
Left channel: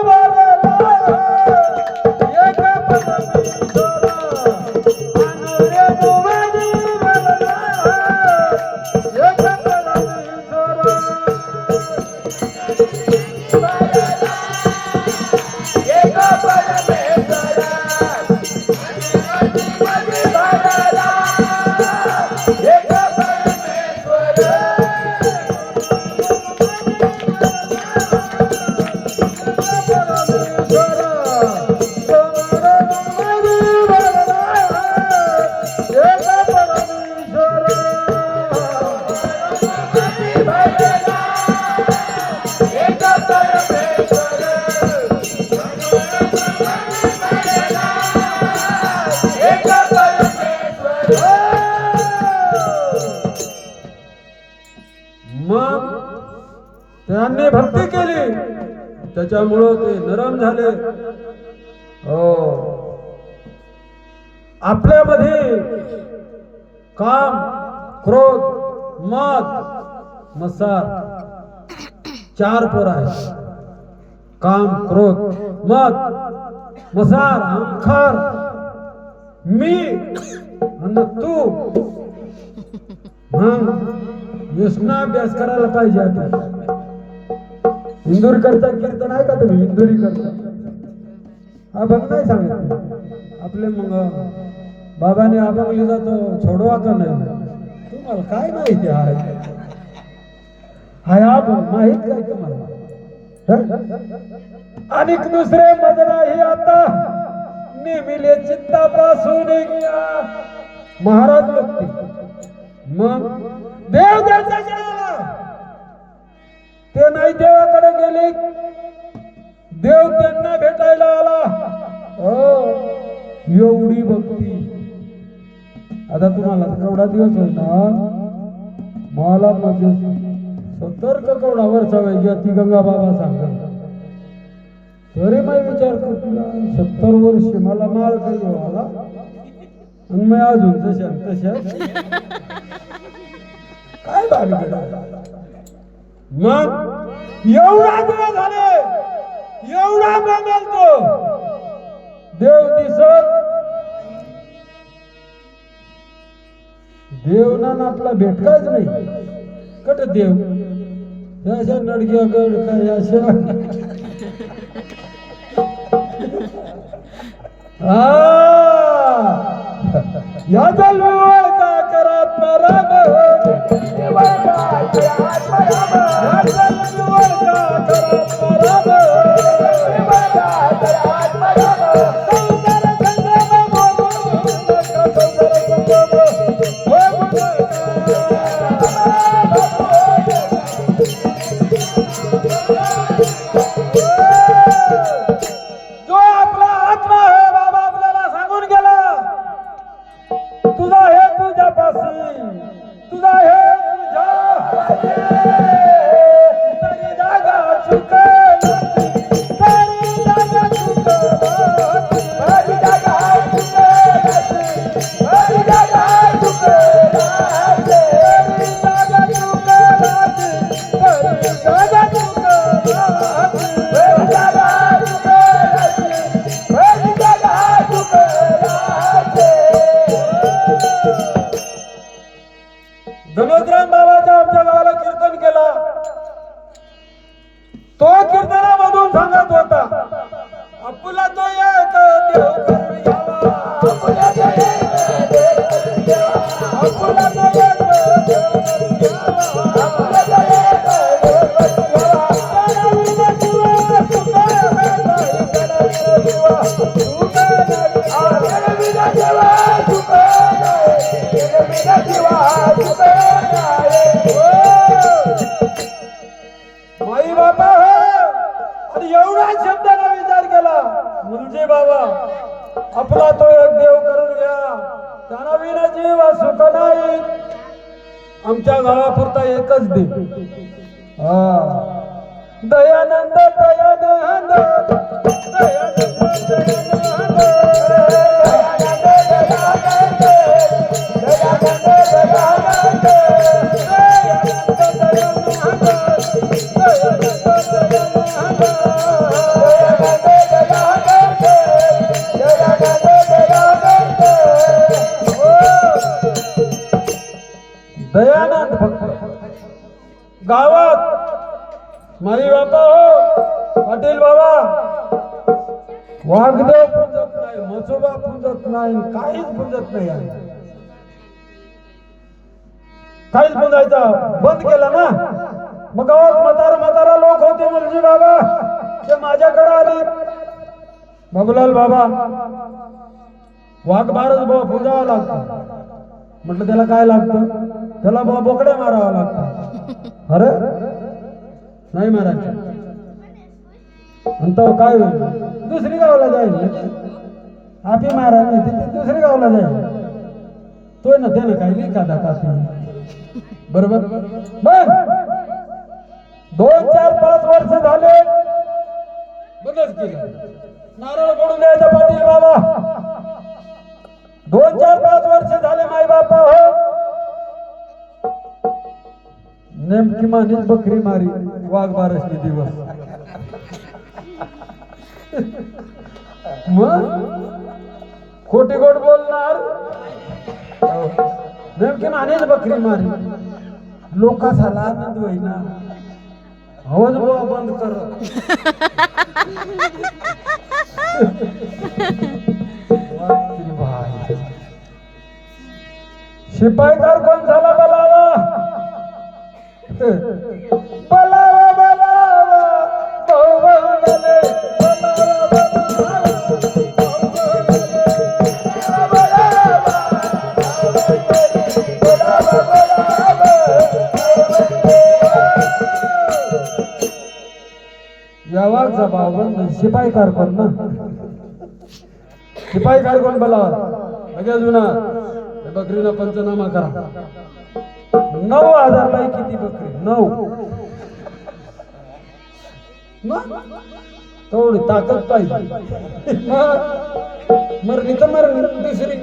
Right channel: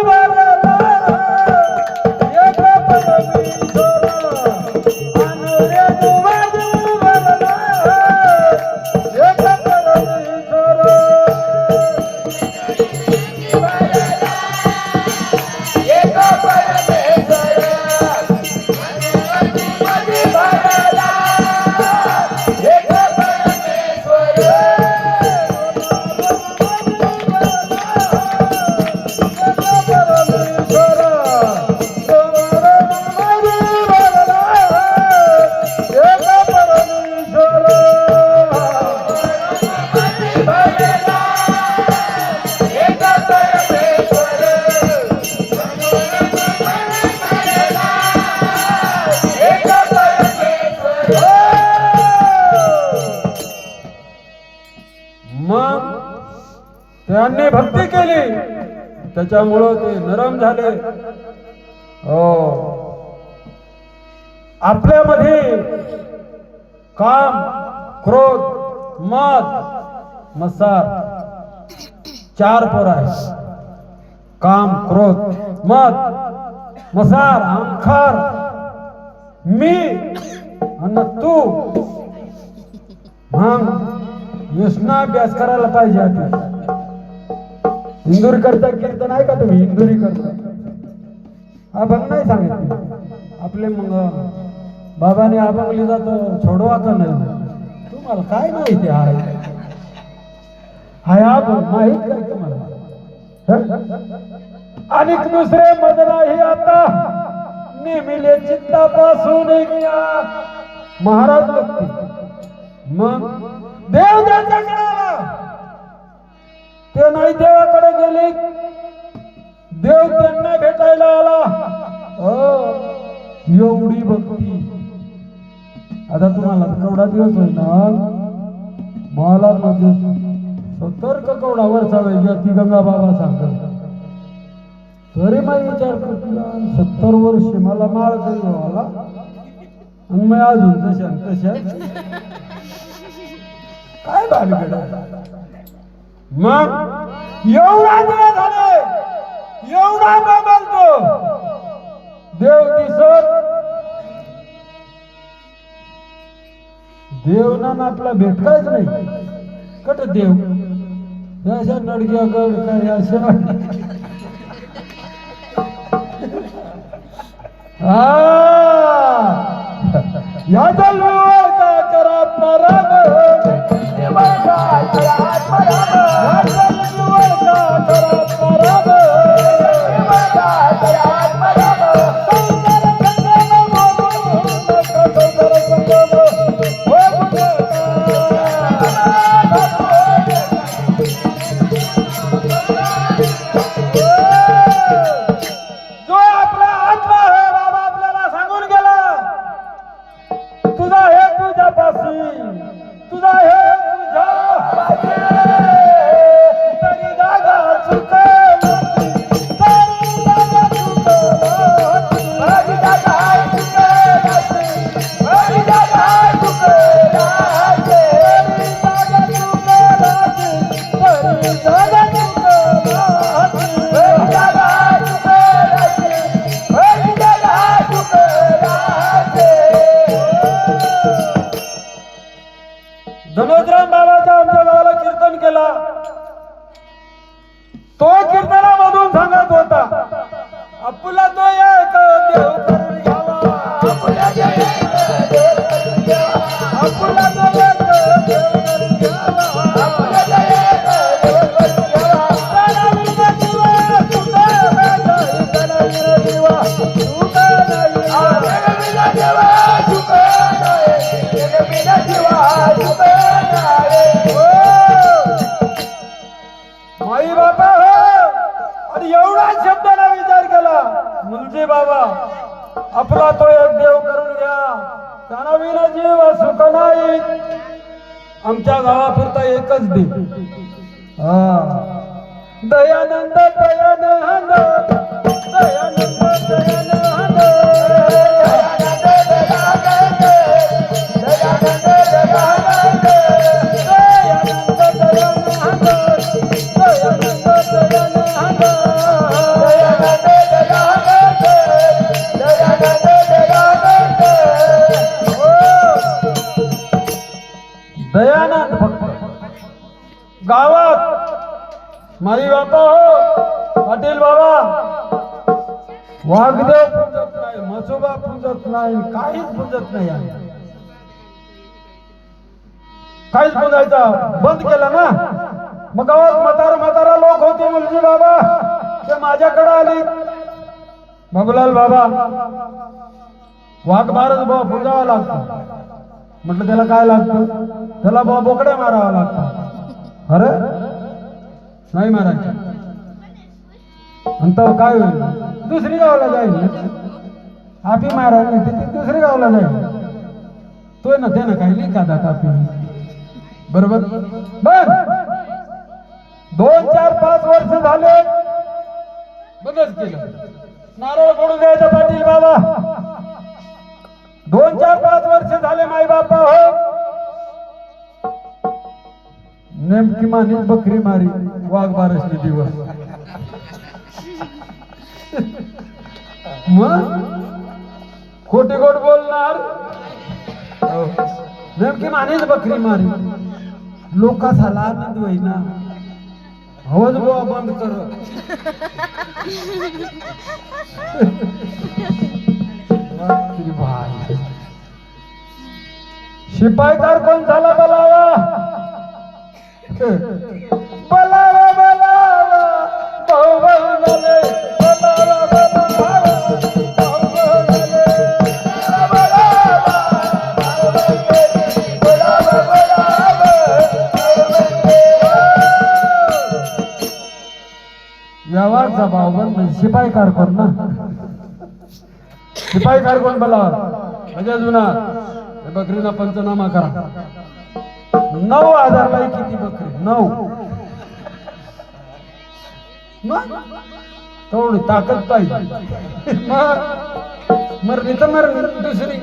त्यांनी भक्ती केली त्याच्यामुळं ते नरम झाले. हो, आपल्यामध्ये काम, क्रोध, मद, मत्सर 4 पोर आहेत. काम, क्रोध, मद, मत्सर, अहंकार, मी आणि तू. योजना अभ्यास करायला पाहिजे. इंदुरीकरचं कीर्तन आहे का तुम्ही? इंदुरीकरचं अभंग नाही सांगितलं आपले. मग बाबाने अभंग लिहिला तो छोडवा का नाही? तुम्हाला काय माहिती आहे? हाय अभंग माहित काय तुम्हाला? आणि दुसरे मज नाही आता नेमिले चित्तापासून महाराज भक्ती. मग देव त्याच्याकडे आला, ते नाही देवाकडे गेले, देव त्यांना भेटायला आला. एवढी भक्ती. आता तुम्हाला केवढा दिवस होईल ना, मला म्हणजे सतर्क केवढा वर्षा वेळ ती गंगा बाबा सांगत. तरी माझी विचार करतो 70 वर्ष मला माळ केली मला, आणि मी अजून तशा काय भानगड. मग एवढा वेळ झाले, एवढा वेळ म्हणतो देव दिसत. देव ना आपला भेटलाच नाही. कट देव अशा नडग्या गड काय अशा. या जन्मावर का करा परम, धनोद्राम बाबाचा आमच्या गावाला कीर्तन केला. तो कीर्तनामधून सांगत होता, आपुला तो एक देव माई बापा. आणि एवढा शब्दाला विचार केला मुलजी बाबा, आपला तो एक देव करून घ्या, त्यांना विना जीव सुख नाही. आमच्या गावापुरता एकच देव. दयानंद दयानंद दयानंद दयानंद भक्त गावात माई बापा पाटील बाबा वाघदेव पुंजत नाही, मसोबा पुंजत नाही, काहीच पुंजत नाही. काहीच पुंजायचा बंद केला ना. मग गावात म्हातारा लोक होते मुलजी बाबा, ते माझ्याकडे आले. बाबूलाल बाबा वाघ बारच बाबा पुंजावा लागतो. म्हटलं त्याला काय लागतं? त्याला बोकड्या मारावा लागतो. अरे नाही मारायचं. नंतर काय होईल? दुसरी गावला जाईल. आपी मारायला तिथे दुसरी गावला जाईल. तो ना त्यानं काही लिखा कापी बरोबर बर. 2, 4, 5 वर्ष झाले बंदच केलं. नारळ फोडून द्यायचा पाटील बाबा. 2, 4, 5 वर्ष झाले माई बापा हो. नेमकी मानीच बकरी मारी वाघ बारसली दिवस. मग खोटे गोड बोलणार. नेमकी मानेच बकरी मारी. लोक झाला आनंद होईना. हवच बुवा बंद कर. शिपाई कारकून झाला बलावा. बलावा बलावा यावाचा बावन शिपाई कारकून ना. शिपाई कारकून बलावा म्हणजे जुना बकरीना पंचनामा करा. 9,000 लाई किती बकरी? 9. थोडी ताकद पाहिजे. मरली तर मरली दुसरी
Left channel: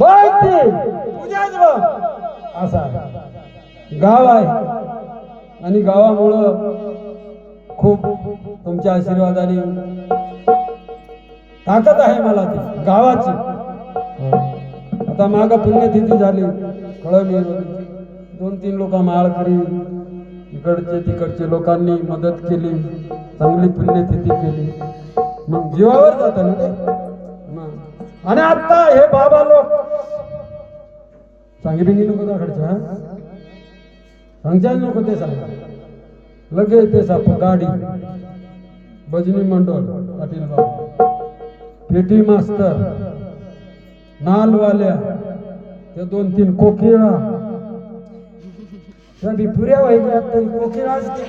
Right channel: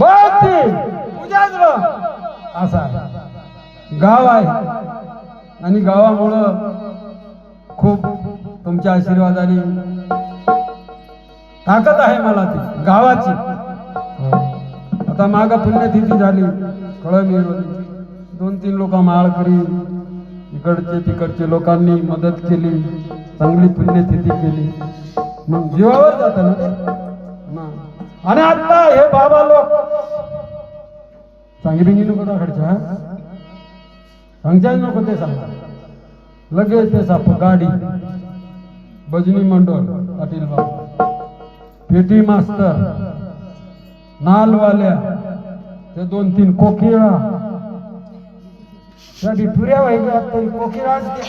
बाकी उद्याच असा गाव आहे. आणि गावामुळं खूप तुमच्या आशीर्वादाने ताकद आहे मला ती गावाची. आता माग पुण्यतिथी झाली कळमी. 2-3 लोक माळकरी इकडचे तिकडचे लोकांनी मदत केली. चांगली पुण्यतिथी केली. मग जीवावर जात ना ते. आणि आता हे बाबा लोक सांगितली नको दाखडच्या सांगच्या नको ते सांग. लगेच ते साप गाडी भजनी मंडळ पाटील बाबा पेटी मास्तर नालवाल्या त्या 2-3 कोकिळा त्या पुऱ्या व्हायच्या तरी कोकिळा असते.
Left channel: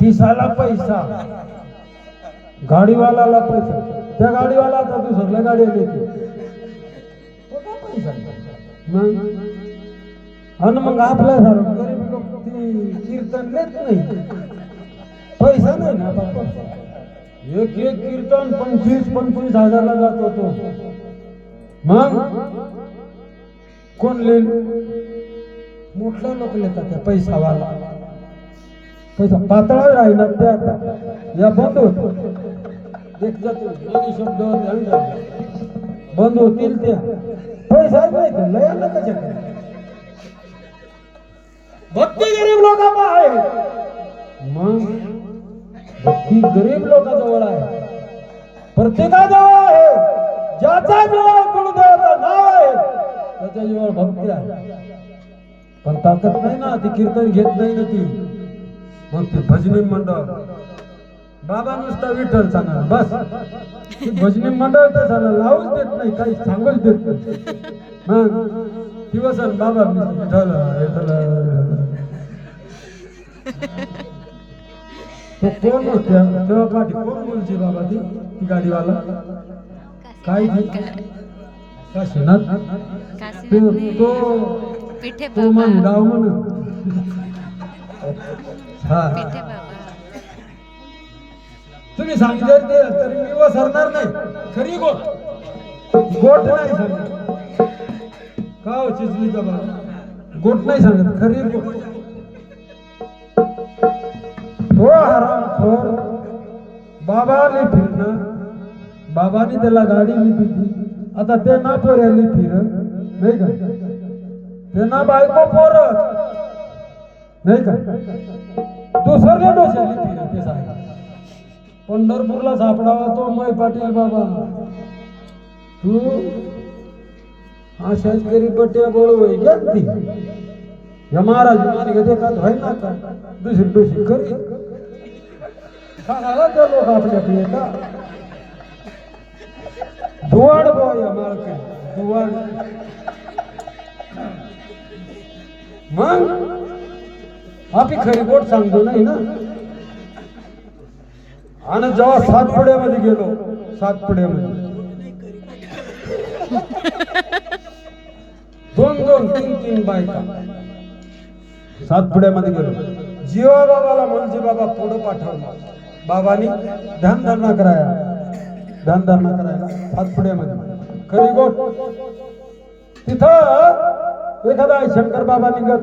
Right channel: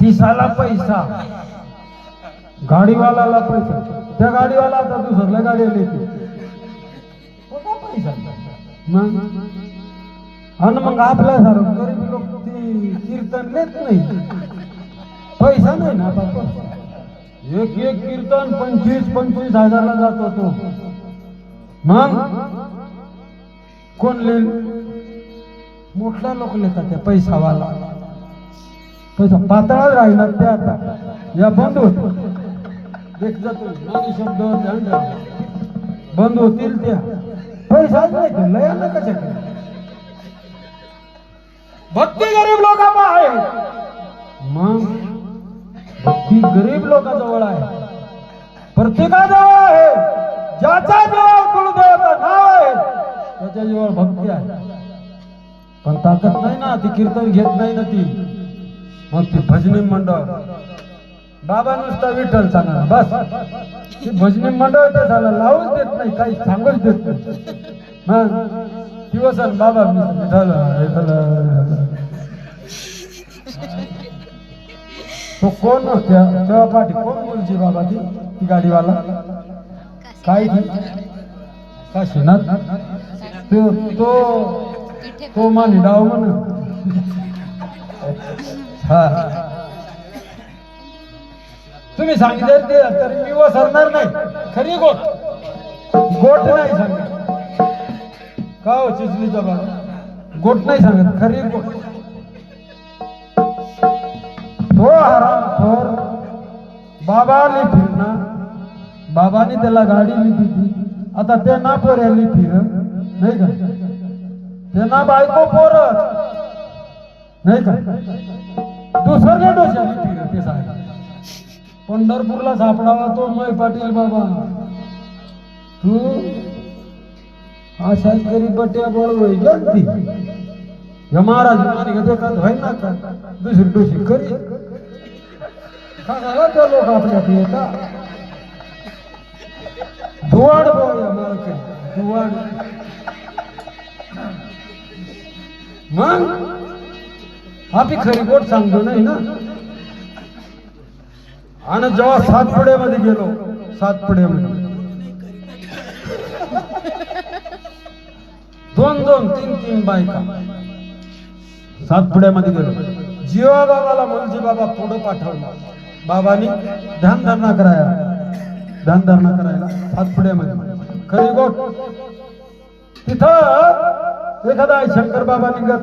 पिसाला पैसा गाडीवाला पैसा. त्या गाडीवाला आता दुसऱ्या गाडीला येते पैसा. मग आणि मग आपल्यासारखं गरीब लोक ती कीर्तन देत नाही. पैसा नाही ना आता. एक कीर्तन 25-25 हजारला जातो तो. मग कोण लिहिल? मोठल्या लोक लिहितात त्या पैसावाला. पैसा पातळा राहिला ते आता या बंद होत. एक जातो मागे शब्द बंद होतील त्या. पैसा नाही तर लया ना कशा. भक्ती गरीब लोकांना आहे. मग भक्ती गरीब लोकांजवळ आहे. प्रत्येकाजवळ आहे. ज्याच्या जवळ गुरुदेवाचं नाव आहे त्याच्या जवळ भक्ती आहे. पण ताकद नाही ना. ती कीर्तन घेत नाही ना ती. मग ती भजनी मंडळ बाबा नुसता विठ्ठल सांगा बस. ती भजनी मंडळ तर झालं लावूच देत नाही. काही सांगूच देत नाही. मग दिवस बाबा विठ्ठल तो कोण होत्या तेव्हा पाठी कोण बोलची बाबा ती गाडीवाला काय काशीनाथ तो माझी डाव म्हण. हा तुम्ही सांगितलं ते तर मी वसरणार नाही. खरी गोट नाही सांगत का हो चिचलीचा बाबा. गोट नाही सांगत खरी गोट. थोडा हरामखोर बाबाने फिरणं. बाबाने त्याला गाडी दिली. आता ते ना पोऱ्याली फिर नाही का. ते ना बायको पोरत नाही का. दुसरी डोशाली फिर ते सांग. पंढरपूरला सापडावा तो मै पाटील बाबा. तू अशाच करी बट्या बोल होई जगती. या महाराज माने देखत होय ना का दुसरी डोशी करी. खाला त्या लोक आपल्याकडे येतात. दुवाड बोया माळके दुवाड. मग आपली खरी गोट सांगतो नाही ना. आणि जेव्हा सातपुड्यामध्ये गेलो सातपुड्यामध्ये दोन दोन तीन तीन बायका सातपुड्यामध्ये गेलो. जीवा बाबाला मुलजी बाबा पुढं पाठवला. बाबांनी ध्यानधारणा करायला सातपुड्यामध्ये खरी गोष्ट. तिथं एखादा शंकर बाबा निघत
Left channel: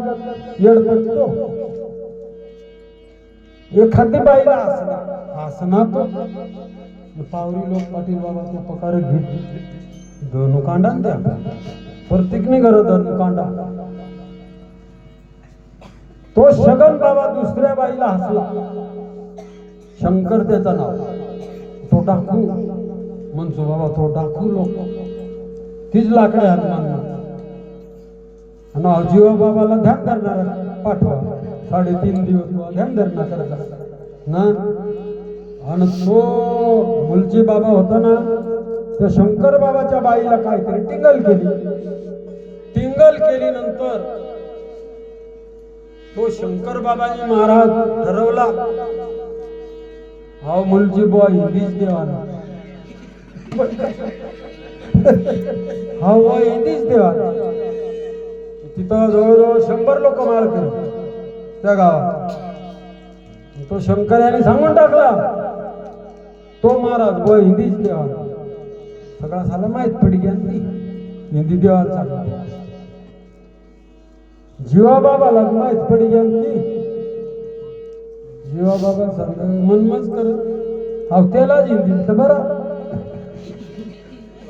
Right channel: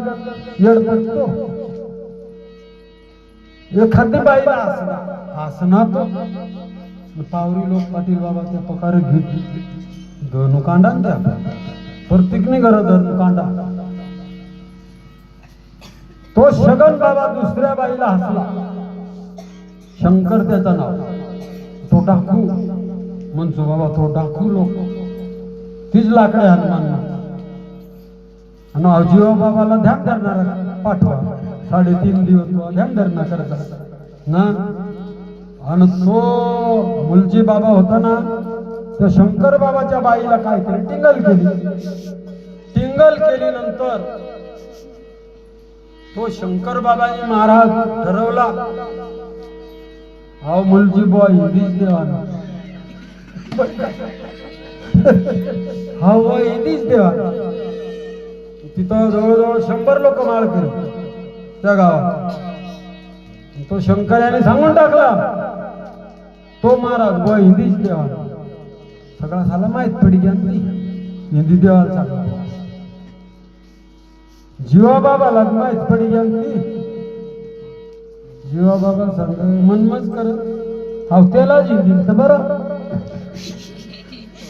येड पडतो. एखादी बाईला हसना तो पावरी लोक पाटील बाबा ते पकार घेत दोन कांडा त्या प्रत्येक निघर दोन कांडा. तो शगन बाबा दुसऱ्या बाईला हसला. शंकर त्याचा नाव. तो डाकू म्हणतो बाबा, तो डाकू लोक तीच लाकडे हनुमान आणि जीवा बाबाला ध्यान धरणार पाठवा. 3.5 दिवस ध्यान धरणं करतात ना. आणि तो मुलजी बाबा होता ना, तो शंकर बाबाच्या बाईला काहीतरी टिंगल केली. नंतर तो शंकर बाबांनी महाराज ठरवला, हा मुलजी बॉय हिंदीच देवाना, हा बॉय हिंदीच देवाना. तिथं जवळजवळ 100 लोक माळ केले त्या गावात. तो शंकर याने सांगून टाकला, तो महाराज बॉय हिंदीच देवाना. सगळा साला माहित पडी घ्या हिंदी देवाला. जीवा बाबाला माहित पडी घ्या जीवा बाबा सांग मनमच कर हवतेलाच हिंदी तर बरं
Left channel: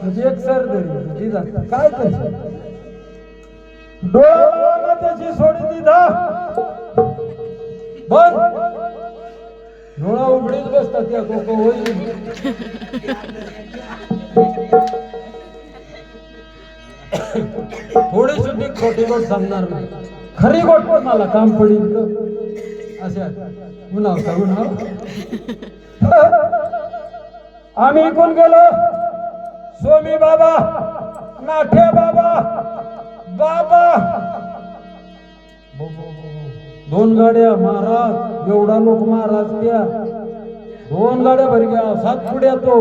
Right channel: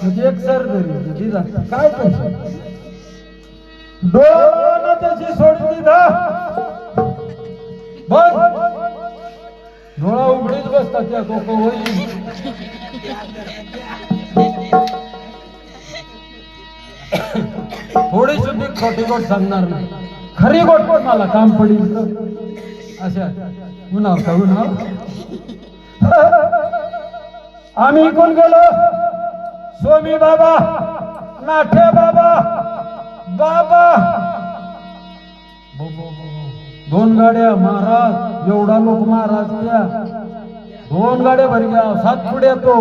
म्हणजे एक सर तरी काय करशील. डोळा त्याची सोडली दा बघ डोळा उघडीच बसतात त्या कोको थोडी सुद्धा खोटी गोष्ट सांगणार नाही. खरी गोष्ट मला काम पडेल अशा उन्हाव. आम्ही कोण गेलो, स्वामी बाबा, नाठे बाबा, बाबा 2 गाड्या महाराज. एवढा लोक महाराज त्या 2 गाड्या भरी घ्या. सातपुड्या तो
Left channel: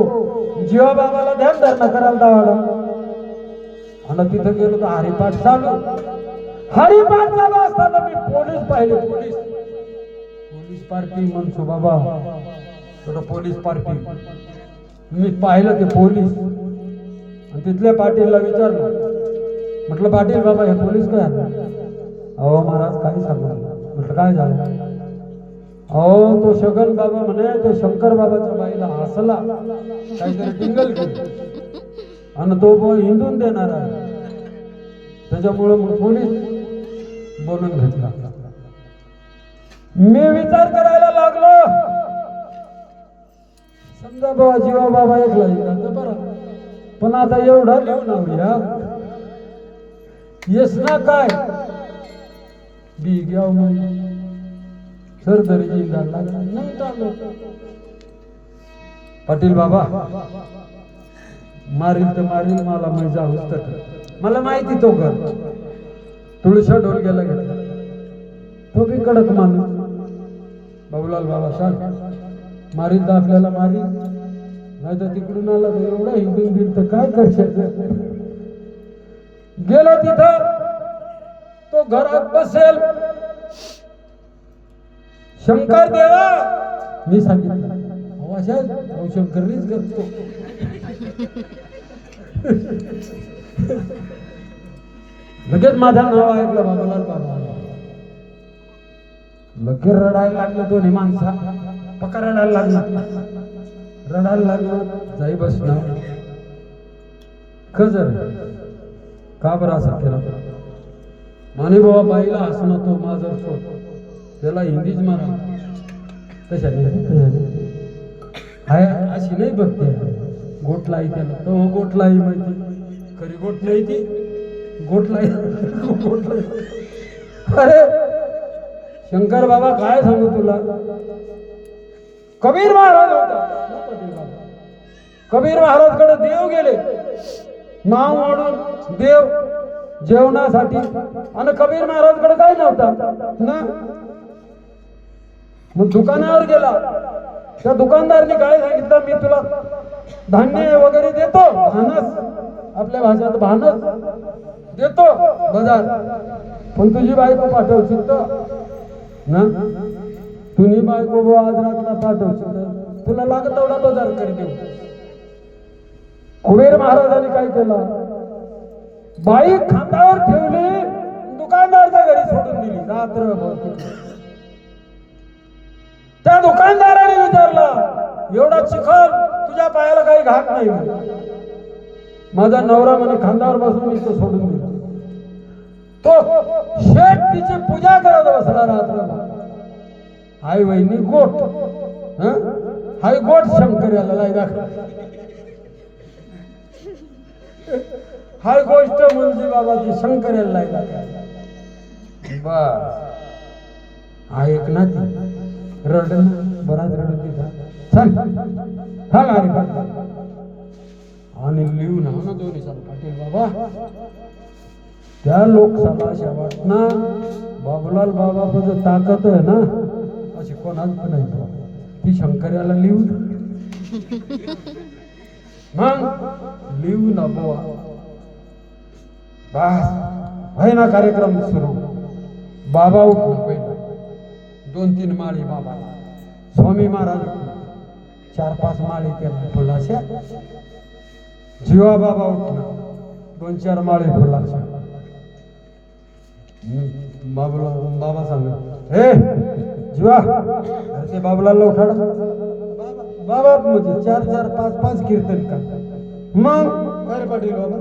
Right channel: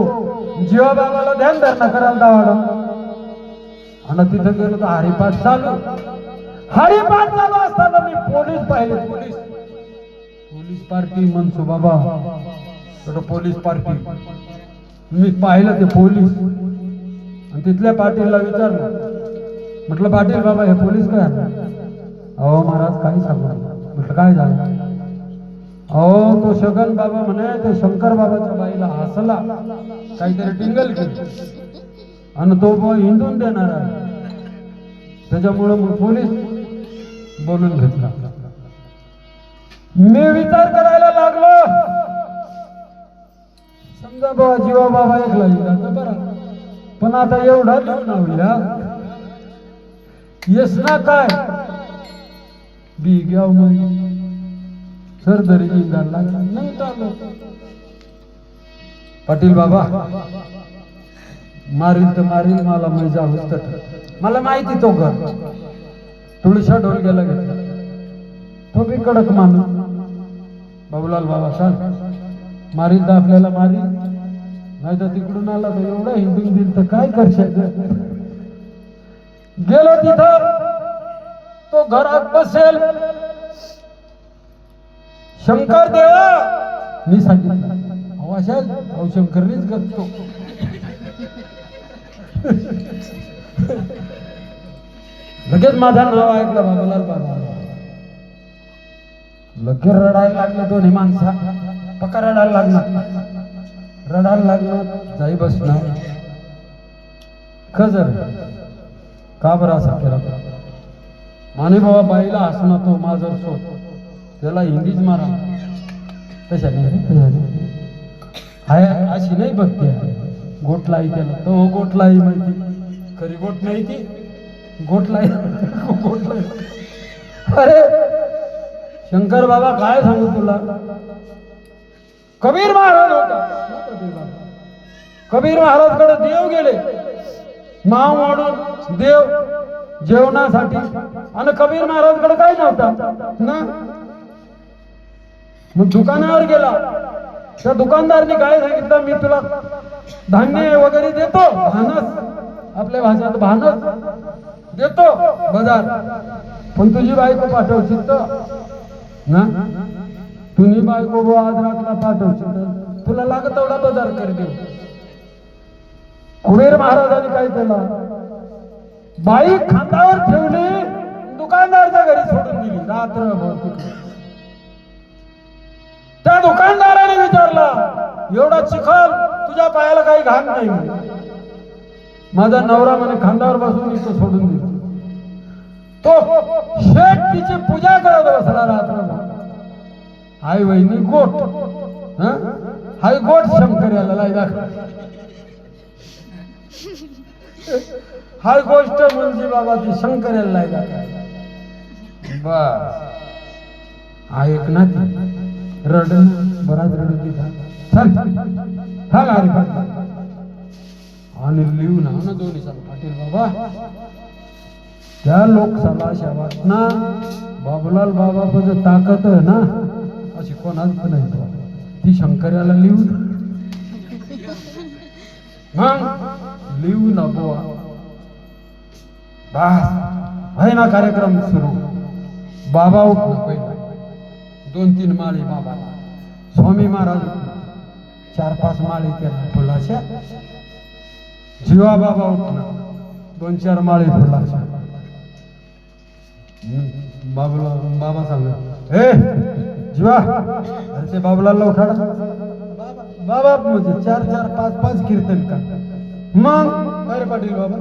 जीवा बाबाला ध्यान धरणं करायला दावड. आणि तिथं गेलो तर हरिपाठ चालू असताना मी पोलीस पाहिले. पोलीस पार्टी म्हणतो बाबा, पोलीस पार्टी मी पाहिलं ते पोलीस. आणि तिथल्या पाटीलला विचारलं, म्हटलं पाटील बाबा हे पोलीस काय? अहो महाराज काही सांगू. म्हटलं काय झालं? अहो तो शगन बाबा म्हणे ते शंकर बाबाच्या बाईला हसला, काहीतरी टिंगल केली आणि तो हिंदून देणार आहे. त्याच्यामुळे पोलीस बोलून घेतला. मी विचार करायला लागलो, समजा बाबा जीवा बाबा ऐकला तर बरं, पण आता एवढा लिहून या येस ना काय बी घ्याव मग सर तरी जिंदार लागला नाही चालू. पाटील बाबा मारील तर मारील, मला मजा होत. मला माहिती तो घर तुळशा ढोलग्याला घेतला. तो बी कडक माणूस. बाबूलाल बाबा सांग मारील तर आपल्याला मारील, नाही तर तिकडून आला तर एवढा हिंदू दिल तर काय करशाल. गेला तिथं तो घरात बसेल. शंकर देवा मी सांगितलं अहो शंकरनीच करतो. लगेच माझं नाव ऐकलं बाबूलाल बाबा. लगेच रडायला लागलं. दोन्ही माणसा पक्का रडायला लागलं. जाई बसणार खजर का बरं असा केला. माने बाबा बाईला हसणार तो माझं सो त्याला हिंदीच मारा. तशा हाय अशी नाही बघते. गोटलाई त्याला तो गोटलाई माहिती, खरी गोट नाही ती गोटलाई. अरे शंकर बाबा काय सांगू तुला. कबीर महाराज होता. कबीर महाराज कडे देव गेले. नाव म्हणून देव जेवणासाठी. आणि कबीर महाराज कडे काय नव्हता ना. मग दुकानावर गेला. त्या दुकानदारने काय सांगितलं, मी तुला धान्य वगैरे देतो भानस, आपल्या भाषेत भानस. देतो बाजार, पण तुझी बायको पाठवशील तर ना, तुझी बायको आज रातला पाठवशील तर तुला लागत तेवढा बाजार कर दे. कुबेर महाराजांनी काय केलं, बाई खांद्यावर ठेवली, दुकानदारच्या घरी सोडून दिली रात्रभर. त्या दुकानदाराने विचारला, एवढा चिखल तुझ्या पायाला काही घात नाही म्हणे. माझा नवरा म्हणे खांद्यावर बसून इथं सोडून दिली. तो शेठ तिची पूजा करत बसला रात्रभर. आई वहिनी गोट, हाय गोट शंकर याला नाही दाखव. हाय गोष्ट म्हणजे बाबा ती शंकर याला नाही दाखव. बस ऐक ना ती रड, बराच रडत तिथं आणि लिहू ना दोन्ही सांग पाटील बाबा. त्या लोकसभा शेवट ना बाबूलाल बाबा जो ताकद आहे ना अशी कोणाच पण नाही, ती शंकर्याला लिहू मग लिहू ना बुवा. बस ना कार्यक्रम सुरू. बाबा उठला पहिला, 2-3 माळी बाबा. स्वामी महाराज 4-5 माळी केला फुलाशा. जीवा बाबा उठला, 2-4 माळी फुलाशा. बाबा सांग, हे जीवा, अरे ते बाबूलाला उठाडा. बाबा म्हणजे 4-4, 5-5 कीर्तन का. मग काय पाटील बाबा,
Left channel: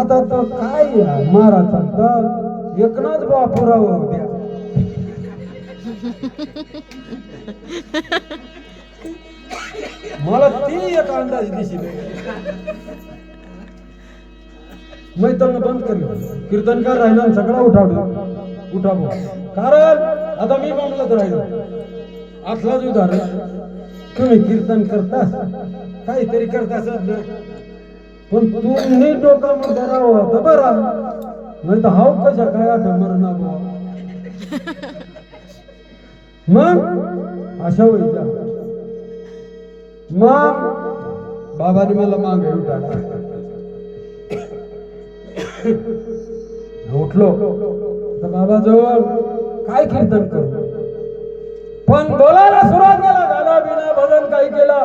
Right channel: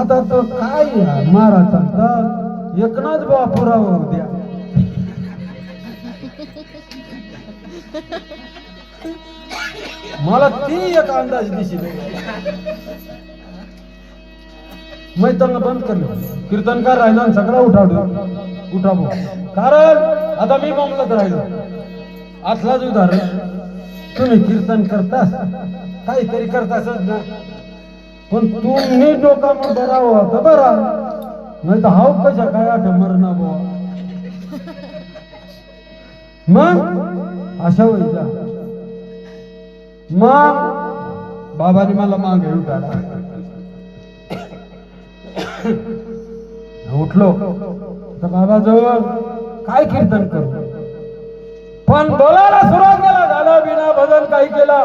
आता तो काय महाराज सांगतात एकनाथ बाबा पुरावा द्या. मला ती एक अंदाज दिसेल. मी त्यांना बंद करलं, कीर्तनकार राहिला सगळं उठावं. कारण आता मी मामलात राहिलो. आतलाच उदाहरण, तुम्ही कीर्तन करतास, काहीतरी करतासच ना, पण तुम्ही डोकामध्ये राहावं तर बरा, नाही तर हाव कशा काय आठ मरणा बुवा. मग अशा व्हायचा. मग बाबाने मला मागे उठाला. उठलो तर बाबा जवळ काय कीर्तन करू, पण बोलायला सुरुवात केला. गाणं बिना भजन काही केला.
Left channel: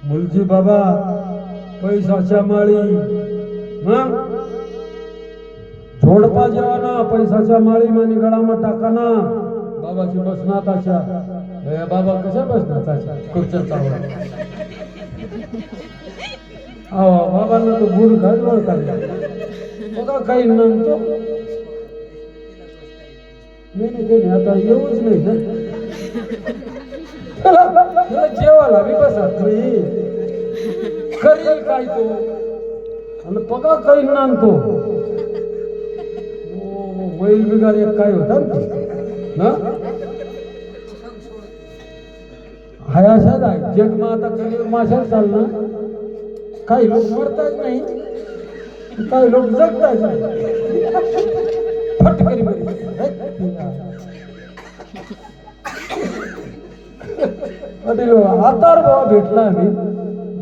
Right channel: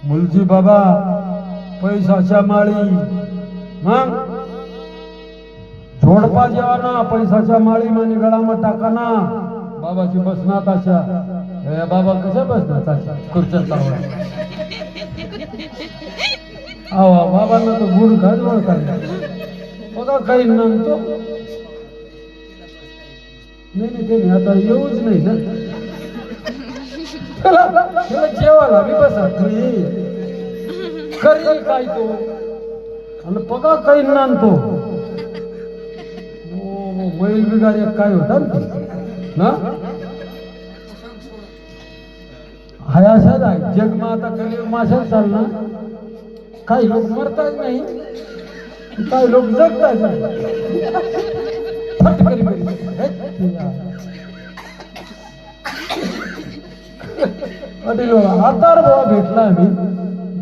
मुलजी बाबा पैशाच्या माळी. मग जोडपा जेव्हा ना पैशाच्या माळी म्हणे गळामध्ये टाकाना. बाबाची बसनात अशा. या बाबा कशा बसनात अशा खुर्च्यात बाबांना तो गुड घाट ओळखायला बघा काही नामतो नाही. त्यांनी आता येऊच नाही ना, जेवायला मी बसत नाही. करेल काय तो आणि बघा काही नामतो. बैल बिगार एक काय होता ना, हाय असंच आहे जग. मग आता कलियुग मासेच चालणार. काही लोक मरतात नाही, काही लोक जगतात नाही. फटकरी बरी आता बाबा भेटला आम्ही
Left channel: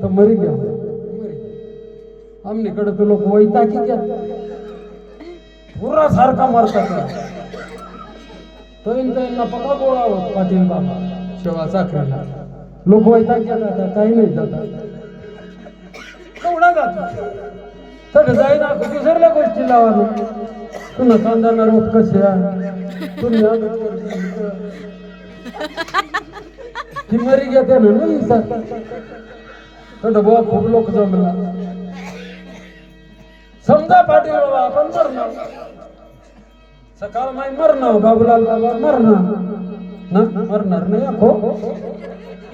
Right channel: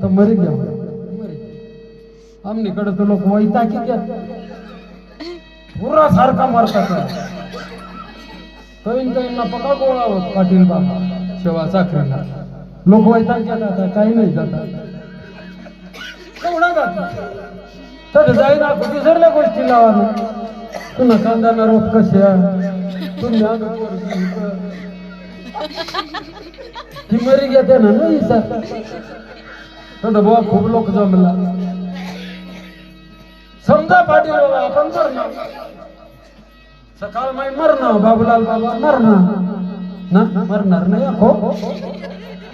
तर मरी घ्या. आमनीकडे तो लोक वैता की क्या पुरा सारखा मरतात. त्यांना पका गोळा होत पाटील बाबा शेवा साखरेला. लोक वैता क्या जातात, काही नाही जातात. तर जाईना दुसऱ्या गोष्टी लावा. पुन्हा कांदा रोप कशा तुम्ही ती मरी घेते ना नाही सर. बाबा खूप लोक जमला. समजा पाटील बाबा आपण मरणार, सकाळ माई मरणार, बाबूलाल बाबा मरणार ना, मरणार नाही हो,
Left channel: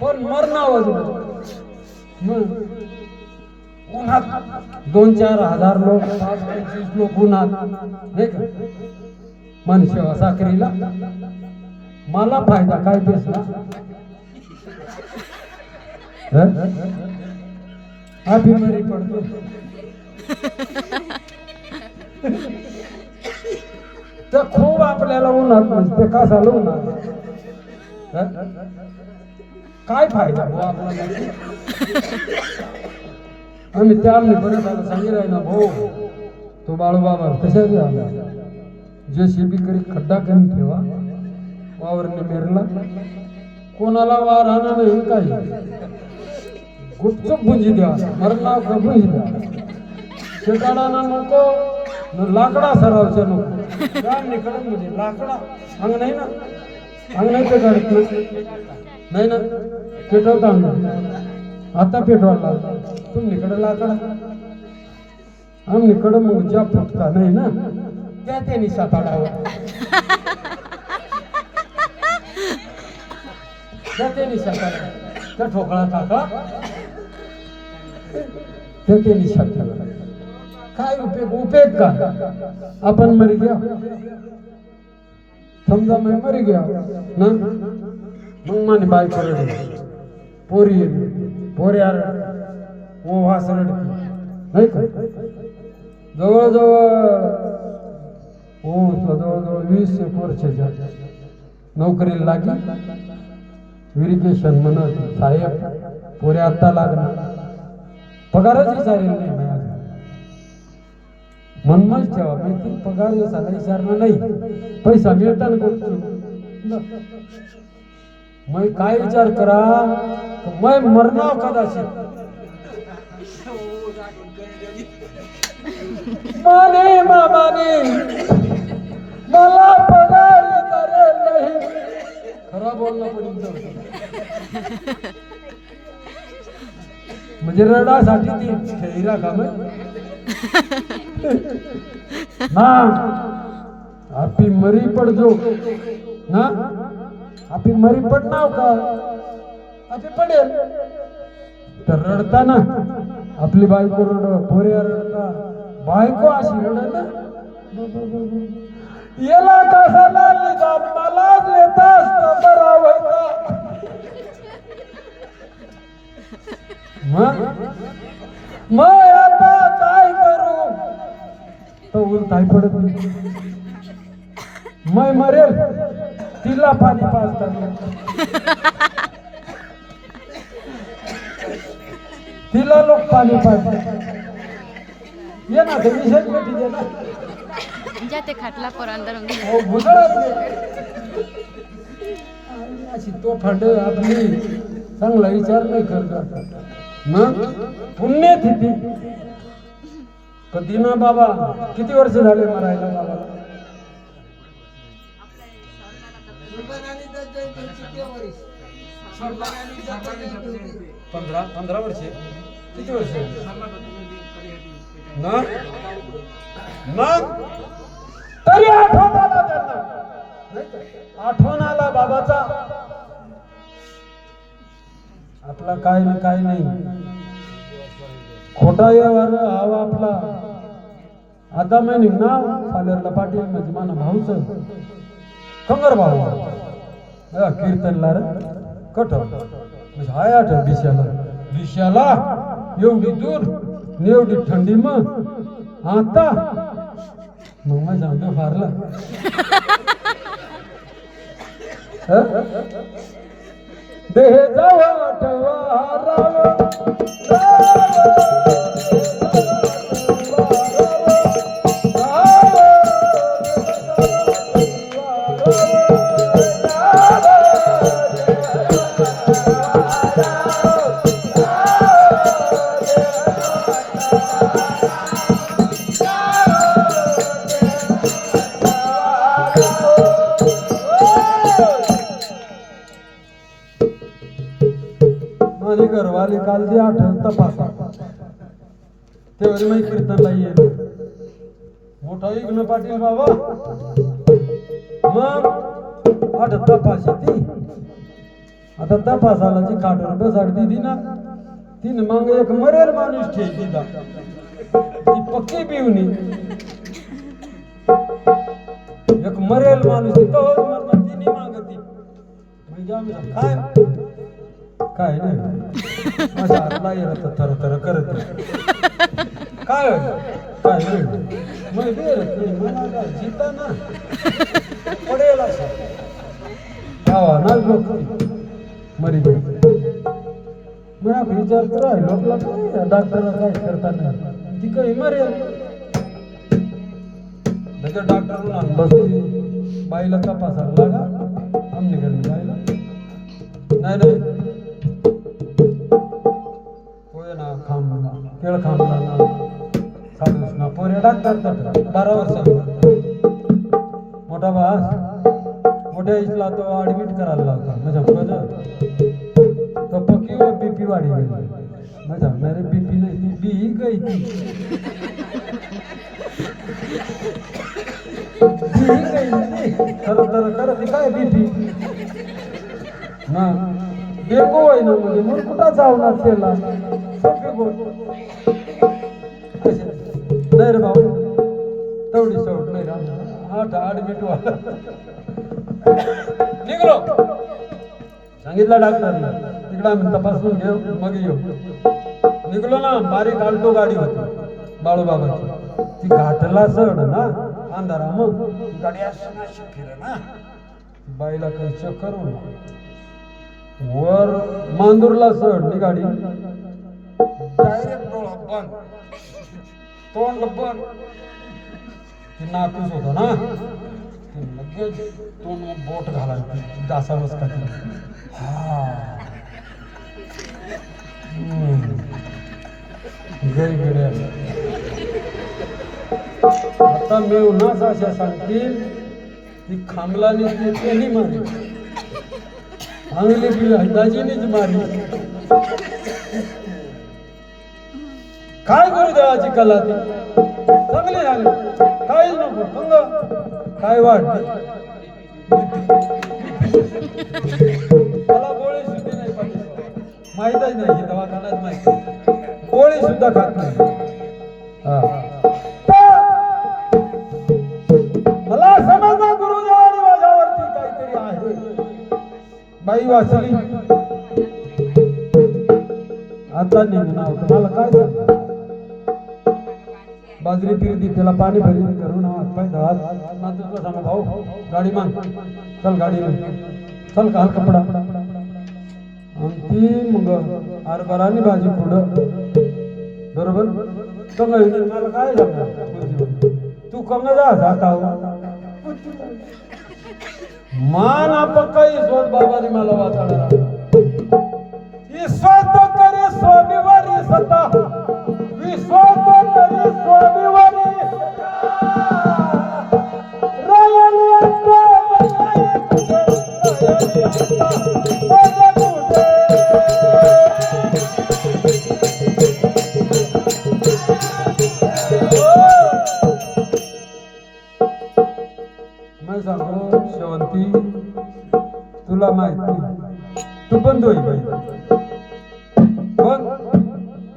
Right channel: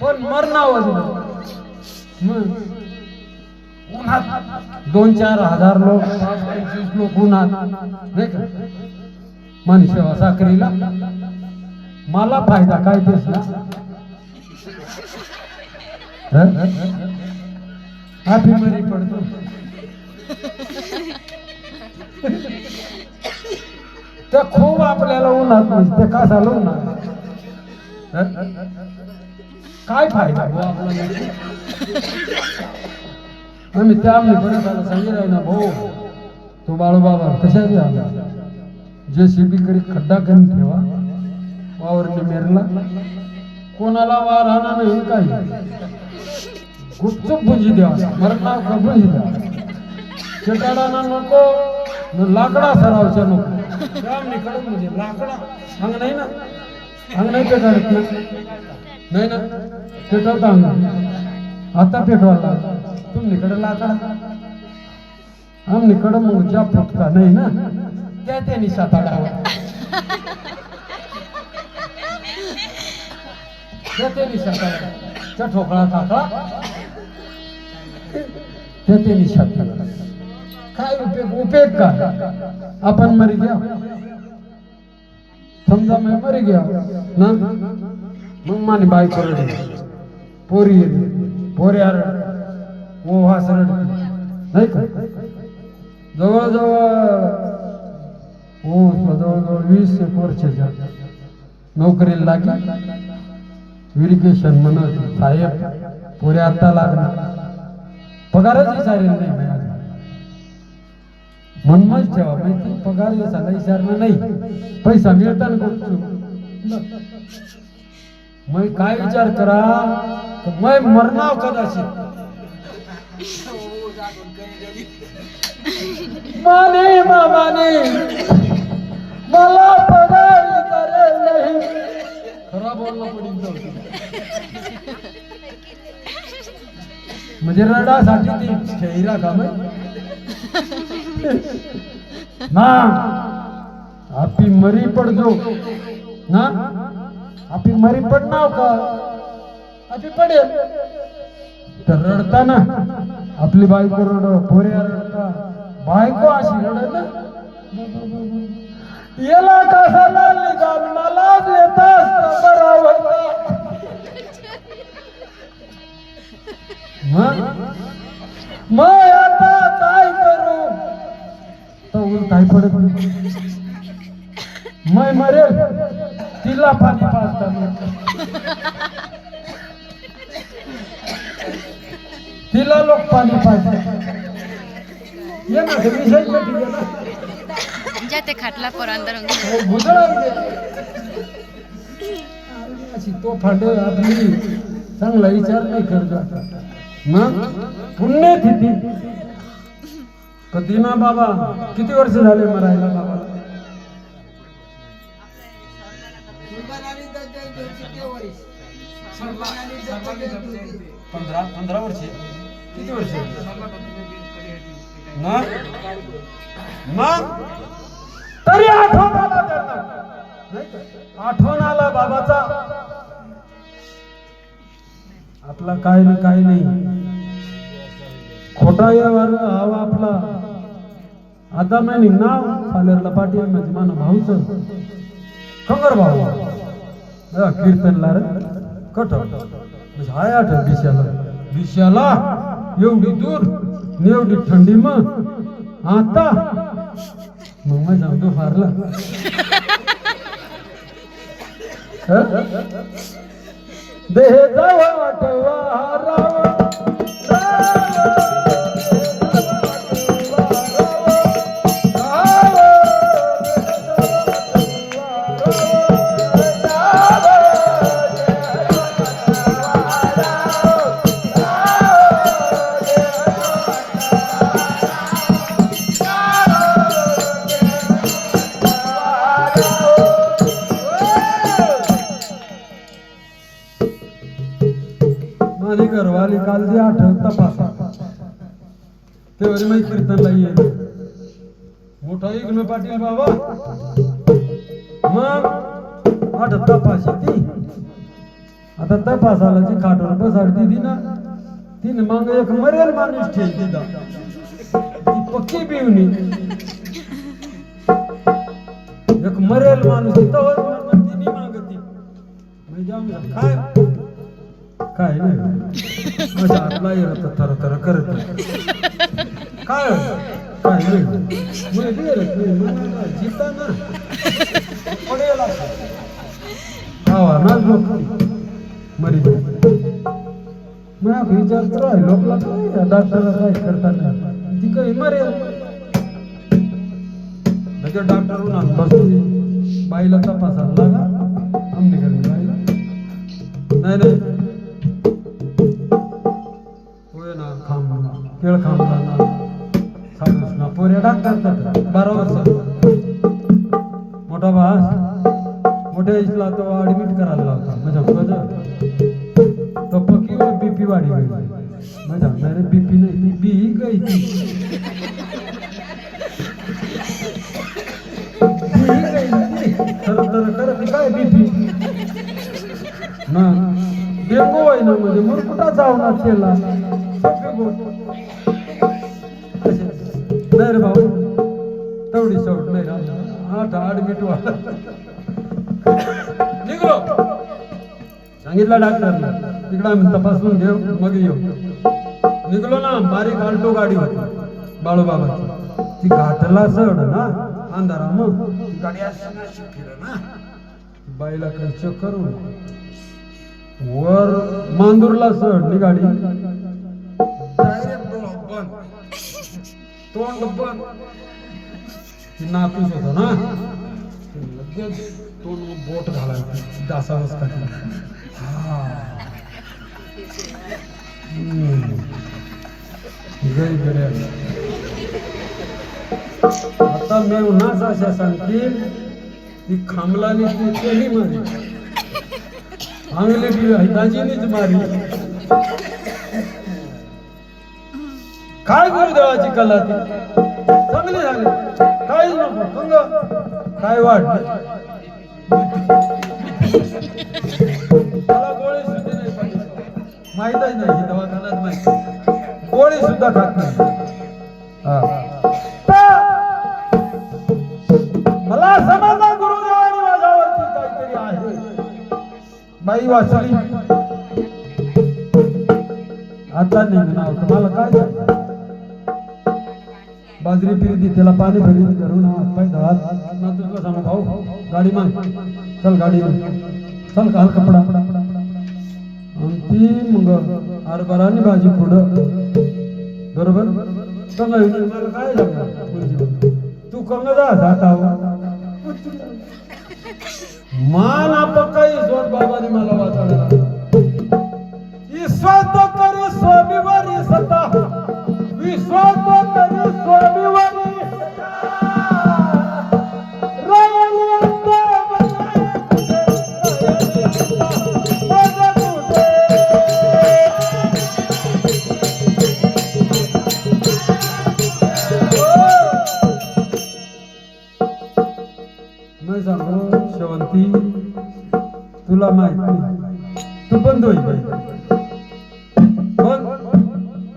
पण मरणार. उन्हात 2-4 हजार लोक, 25 लोक उन्हात नाही का मानसेवा साखरीला. मला फायदा काय तेच ना. बिमारी पडतो. त्या खूप आपल्याला उन्हात ते कशाला उन्हात काय फायदा मी त्या आम्ही बरं झालं सांगितलं ना भाऊ तो बाळूबाबा कशाची आला जे शेतीकडे खड्डा करून ठेवा वावरने मेरला कोणाला वार राहणार नाही काही गुपचूप बुंजी द्या बरं नाव का बुंजी द्या शेताला नको लाकडा सरावच्या नको काम निकडून म्हणजे लाकडा अंग नाही ना अंग नाही ते करत नाही ना पेटवत अंग आता पेटवायला तुमच्याकडे लाकडा आमच्याकडं मोजा फुटका नाही ना त्या त्यांनी साताडावर त्या त्यांनी साताडा त्या ठोकळा टाकला त्या त्यांनी साताडा काय उपयोग का आपण मरी गया समजा मी मरी गया ना मग माने बाय करडे पोरी पोऱ्या ओ वासरड नाही का जवळजवळ जवळजवळ 20 वर्षाच्या नोकरीला लागली व्हेरिफिकेशन म्हणत साहेब पोऱ्या आता लागला पगारच विचारेल नाही मनमच ठेवा माहिती पगार याचा विचारलं नाही पैसा मिळताना बघतो मग काय विचार करा मैं मरणार कदाचित माने मामाने मला पगार विचारेल नाही खरा बोलणं पडेल म्हणजे रडासाठी ती खेळीरा का ना आपी मरी पडजो ना आपी मरी पडणार का आपी पडेल तर रडता ना आपली बायको रड पोऱ्या रडता बायको अशी रड ना याला कसा लागली का मलाच येता बरा होता मग आता काय करू तो काय पडत नाही मै मरेल तिला पाणी पाजताना तिला लोक पाणी पाजतात ये ना विषय ना जाते खाटला पर अंदर तो फांड आपली चांगला विचार नाही करत मग पुण्य तिथी कधी ना बाबा किती वर्ष झाले मरायला बाबा 15 वर्ष किती वर्ष ना मग तरी आठवण आला त्यांना आठवण आला बाबाचा आपला काय ना काय नाही खोटा यावर हवा आपला आता मैं नाव सालेरला पाटील म्हणजे माना भाऊच खबर भाऊ कीर्तनला रे कठ म्हणजे हाय आठ दिशाला एवढी दूर एवढी थंडी मग आता मग मैं सांगतो फारला देह जावा ठेवा घरवाली काल जे आठवत तपासा तेवढी मी कीर्तनला येईल मोठा इग्न पाटील बाबा मग आठवत तपाशी ती आता तपासाला जी खाटवर बसाड दिली ना तिने मग एक मरेल माणूस ठेव दिला ती पक्की बिवणी एक मरेल माणूस तिने मागती काय काय नाही माझ्या हातला येत तर तर करत काय काय नाही जिता ना पडेल हवा ना लोक मरी मग विचार राहिलो डॉक्टरला काय करताना ती काही मरेल त्याच्या डॉक्टर बसली बाईला तपासायला लागा आमने घरी बाईला नाही होय ना खांबला केळ खांबला ना साडूस ना पोऱ्या डॉक्टर 12 वर्षाचा मोठा भास मोठ्या इसला तो ऍडमिट करायला लावता माझ्या तो पक्की बीपी वाढी गई माझ्या मेरे बीपी नाही ती बी गई काय बीपी ना बेको आहे ना म्हणजे मग कुठं जाऊ ना केला नाही रे भाऊ तेवढी सवट नाही राहणार 8 ऍडमिट व्हायला निघलो सांगितलं डॉक्टरला तिकडे आम्ही तपासून घेऊ मग येऊ निघलो ना बारीक आल्टो गाडी होती बाळूबाबाची ती घाटला चढ ना अंधारा मग गाडी अशी फिर ना बाईला चेक करून वर मांदूरला चढ नी गाडी डायरेक्ट डोळा बंद तोंड बंद ती नातूस होता ना लगेच तोंड मग बोट घालायला डासा बसता हा आता मी उन्हाच अशा सांगतील ती खांबलानी ती त्यांनी मारी अंगली दाजीनीच मारी काय गुरुदेवाची कला ती चांगली झाली काही नको पंग काय वाटत मला गोळी सुद्धा नाही पाहिजे माहीतच नाही दवाखान्यात माहिती गोळी सुद्धा खात नाही मला समजा गुरुदेवानी माझ्यावरती काहीतरी आहे बाई वाचली आता निघणार तुम्हाला काय बाजरी फिरती त्याला पाणी भरी करून ना तुझं सांग भाऊ गाडी मान चल गाडी चल काल कपडा ती मग हरभरानी भाजी पुढं बरोबर मला काय सांगणार तू कंग जा जाता मान काही सोड बाबाने मला वाचायला विश्वास करे स्वामीवारी सता विश्वास करे स्वामीवारी नाही सांगतो शेवंती तुला माहिती तू बंद होईल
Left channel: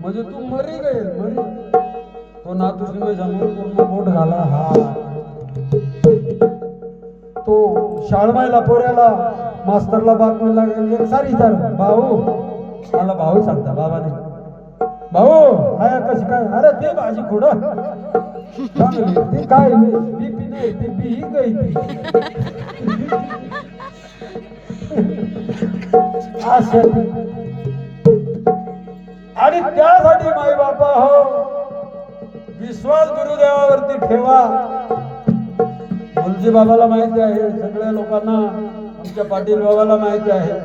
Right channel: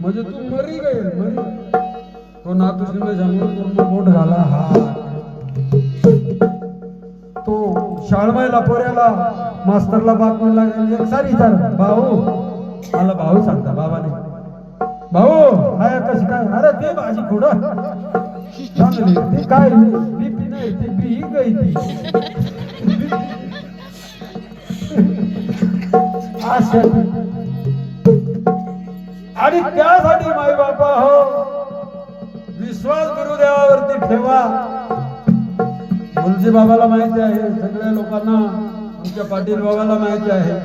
म्हणजे तू मरी गईल मरी तो नातूस सांगून बोट घाला हा तो शाळमायला पोऱ्याला मास्तरला बातमीला गेली सारी विचार भाऊ मला भाऊ सांगता बाबाने भाऊ काय कशी काय अरे ते भाजी कुठं चांगली ती काय बीपी नाही ती बी गई ती आणि त्यासाठी माई बापा हो विश्वास गुरुदेवावरती ठेवा गुरुजी बाबाला माहिती आहे सगळ्या लोकांना आमच्या पाटील बाबाला माहिती आहे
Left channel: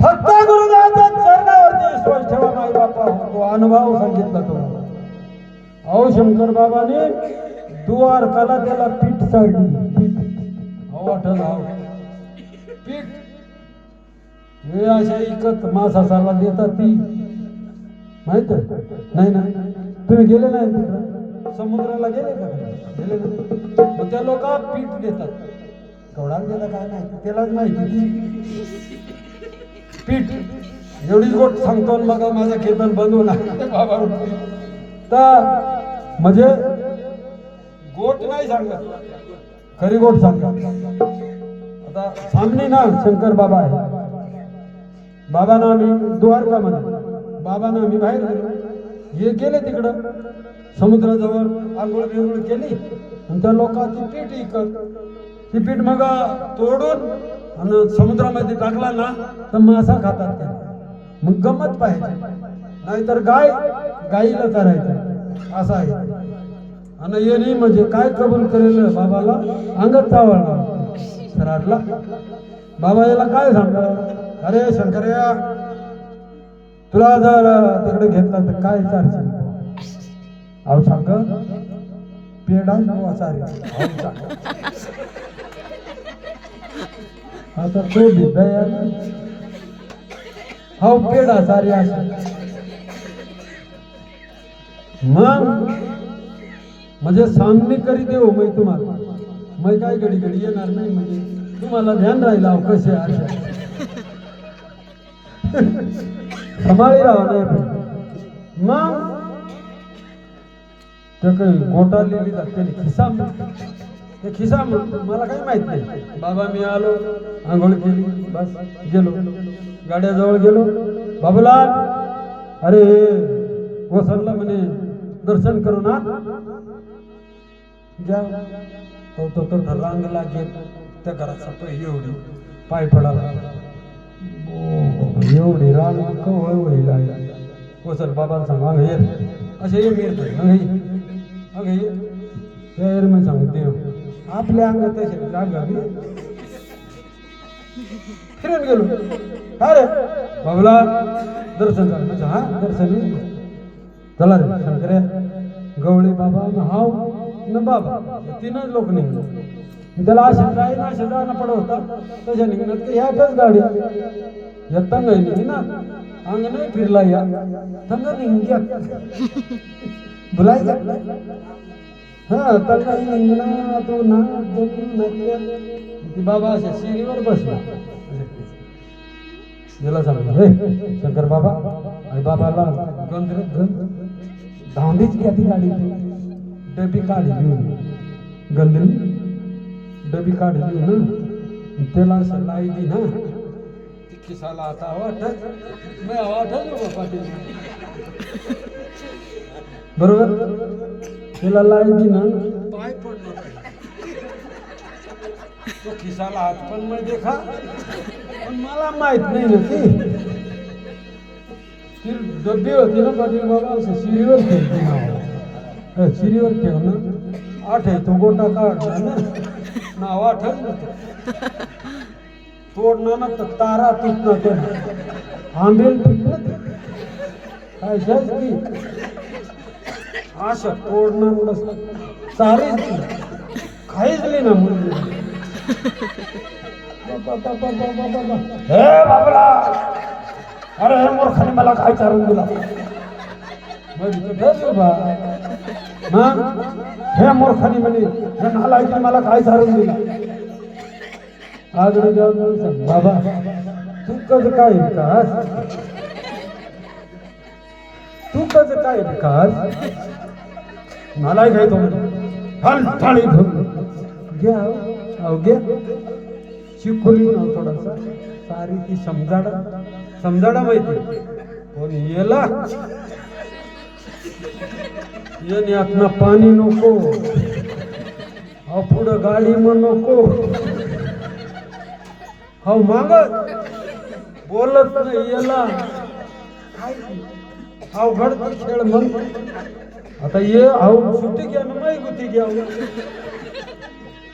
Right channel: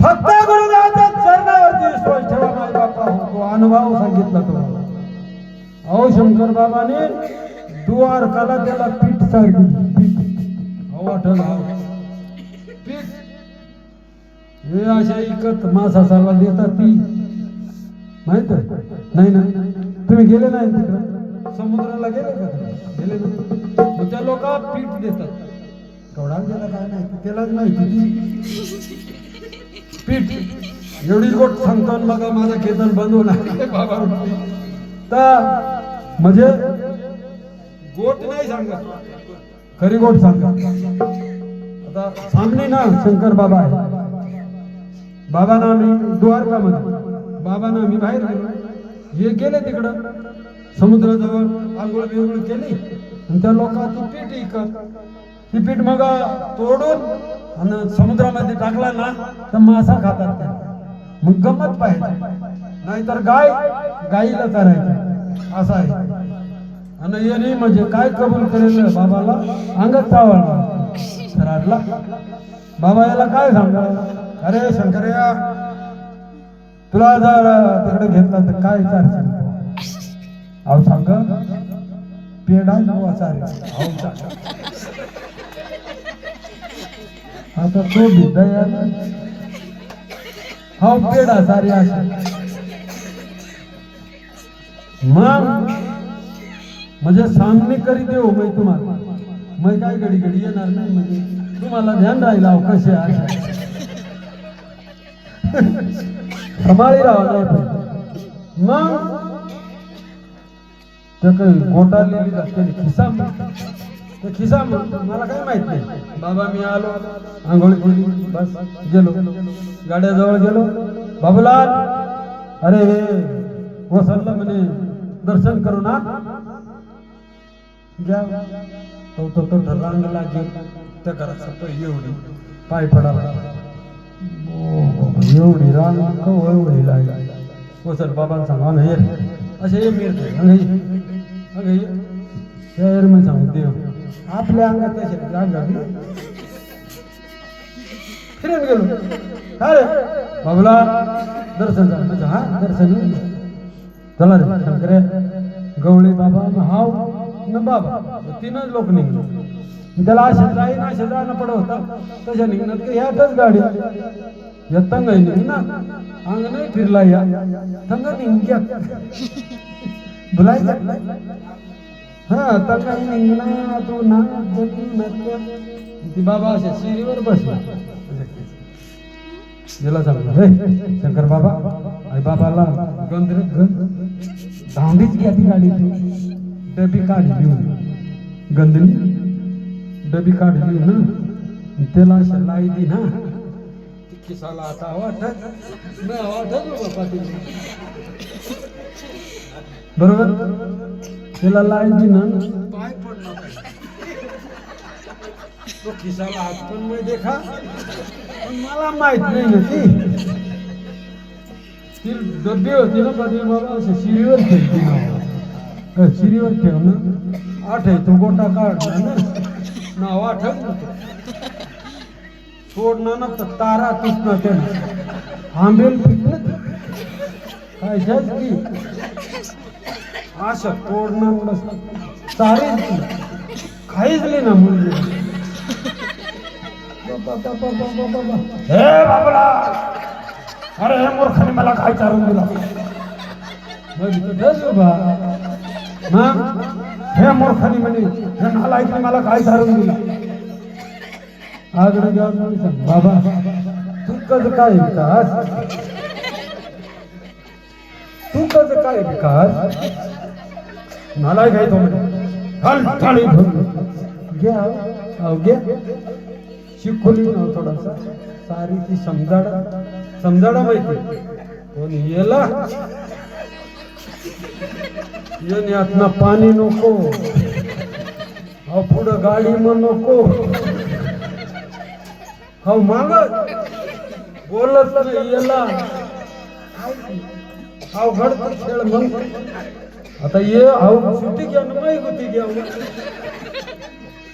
फक्त गुरुदेवाच्या चरणावरती विश्वास ठेवा माई बापा तो अनुभव सांगितला तो अहो शंकर बाबाने द्वारकाला त्याला पीठ चढली पीठ वाटल पीठ हे अशा इकत मासाला देतात ती माहित नाही ना तुम्ही गेले नाही तिकडं समुद्राला गेले का गेले ना त्या लोक पीठ देतात केवढा देता काय माहिती त्यालाच माहिती पीठ एवढी गोष्ट सांगतो बघा माझा कीर्तन बंद होणार बाबा तर म्हणजे गोट नाही सांगत खरी गोट सांगत आता सामने ना शंकर बाबा आहे बाबांना आम्ही द्वारकामध्ये बाबांना आम्ही बाहेर गेलो हे गेले तिकडं समुद्राजवळ आंघोळ बिंघोळ केली आणि त्या लोकांची पीठ इकत ती पीठ मग तोडून आणि समुद्रामध्ये टाकला ना तर मासा खातात मग गंमत पाहिजे, नाहीतर गाईला चरायचं असं आहे. आणि यांनी म्हणजे काय कबूल केलेलं बाबाला अंगात चावला राडला. बाबा याला काय सांगा, अरे शंकरया तुला जर तिकडे घेतला तर काय चालशील? अहो सांग पेढा चालेल. आता तो भिद्दा हो पेढा सारी असे म्हणजे सामने करी देऊ मी तुम्हाला, मी काय घडी घडी येणार नाही, म्हणजे तुम्हाला ध्यान राहिला कसे आहे हमारी राव नाही. मग तर काही गोटा लिहिली जाते खिसा, ते खिसा मला काय माहित नाही. बाबा मी आलो, आंघोळ केली, बस गेलो, गाड्याजवळ गेलो. बाबूलाल अरे वसंतला म्हणे दर्शन करू ना घ्या. तो रांगला गेला त्या घराचा तो एवढी पाय पडाला, एवढी रांग कवळी लागला. वसंत बाबा सांगा हे असे शहर में सांगते आपल्या अंगात फिरून गेलो. अरे बाबूला दर्शन झालं, हा दर्शन चला रे शंकरे गवळी बाबा हाव न बाबा तीनच लोक निघलो. त्याला असे काही ना असे जाणं पडत होतं तशा निघणार की ह्यातच गाडी या तंग निघ ना अंग नाही फिरला या तंग निघ्या बुलाय हा तंग निघणार तो ना ती बाबा अशा शिरीवर बसला. गेला सांगला रे शंकर बाबा आई बाबाला गंधीत धांडीच घ्या ती गाडी, डबी काढली लिहून गंधीन डबी काढली लिहून त्याला असं लाई दी ना खिसाला आता वाटत बरोबर त्याला लाई दी ना पाय पडणार तो खिसाला हात पण मी देखा, पण मला माहित नाही ना ती डब्बी होती ना कधी मला असं शिरीवर ठेवते ना, शिरीवर ठेवणं आठवतो गोटा काढला ना नाव आठवत सोडणं ना तर तारा तुटणं ते आंबेल पिकणं काय की असं तोडणं तारे खाईचली ना मुलगी. हे बाबला अरे हे मूर्खाने मला काय चालून दिला, हे मूर्खाने म्हणे हे नालायकाने मला काय चालून दिला. आगड बाबा तू कसं काय विकास, तू कसं काय विकास मला काय तो म्हणे घ्या शिकवली थोडासा सारी ती समजाडा माहिती पण याला याने आतनं पाणी नको, हा पुढं गाडी मग नको, हा मागत बोलत नाही याला हा घडत खेळ मग आता ये हा सुट्टी घ्या ना माही गुती घ्या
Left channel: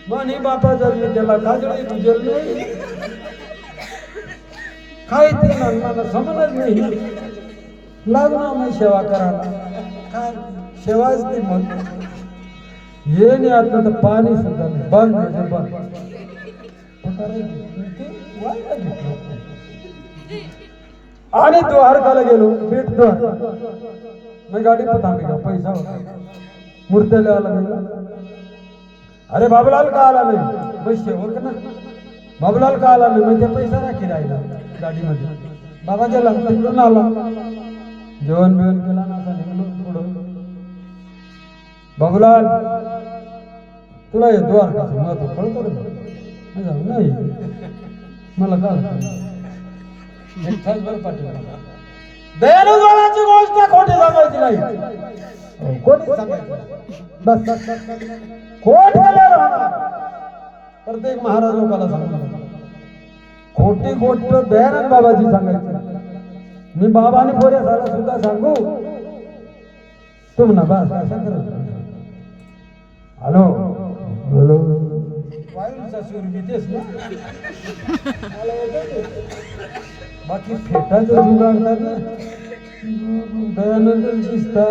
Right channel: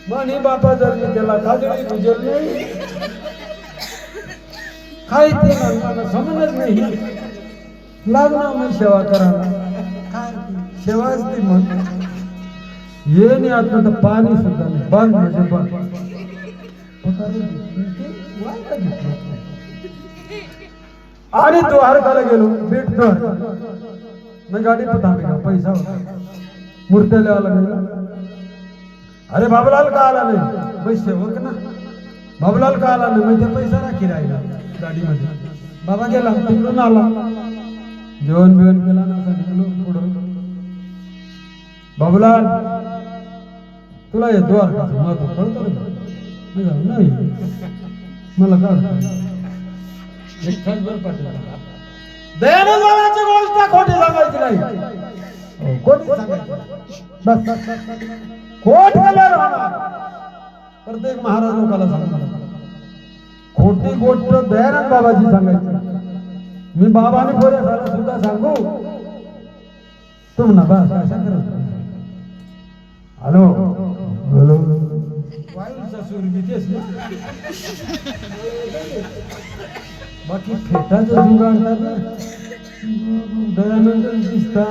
म्हणे बापा जर मी त्याला खाजळी गुजर नाही काय ते लागला समजच नाही लागणार मग सेवा करायला काय सेवा असते मग ये नाही आता तर पाणी सुद्धा बंद म्हणजे बंद आणि तो हरकाला गेलो भेटतो मी गाडी पता पैसा होता मूर्त्याला आला गेला. अरे बाबूलाल का आला नाही पैसे सेवक ना बाबूलाल का आला नाही म्हणजे पैसा राखी राहिला गाडीमध्ये. बाबा गेला तिकडून आला जेवण बिवण केला ना पुढं बाबूलाल तुला हे द्वारकाचं महत्व कळतं नाही मला काय बरं पाठवलं दयानंद बाबाची गोष्ट खोटी सांगायची नाही, खोटी सांगायची बस खोट प्रत्येक महाराज लोकांना सांगतात खोटी गोष्ट दयानंद बाबाची सांगायची मी बाबाने पोरे झाला सुद्धा सांगू तुम ना बस अशा करत हॅलो हॅलो वायूचा सूर मी तेच ना बाकी फेटाचं जुगाडतात ना दयानंद दिसता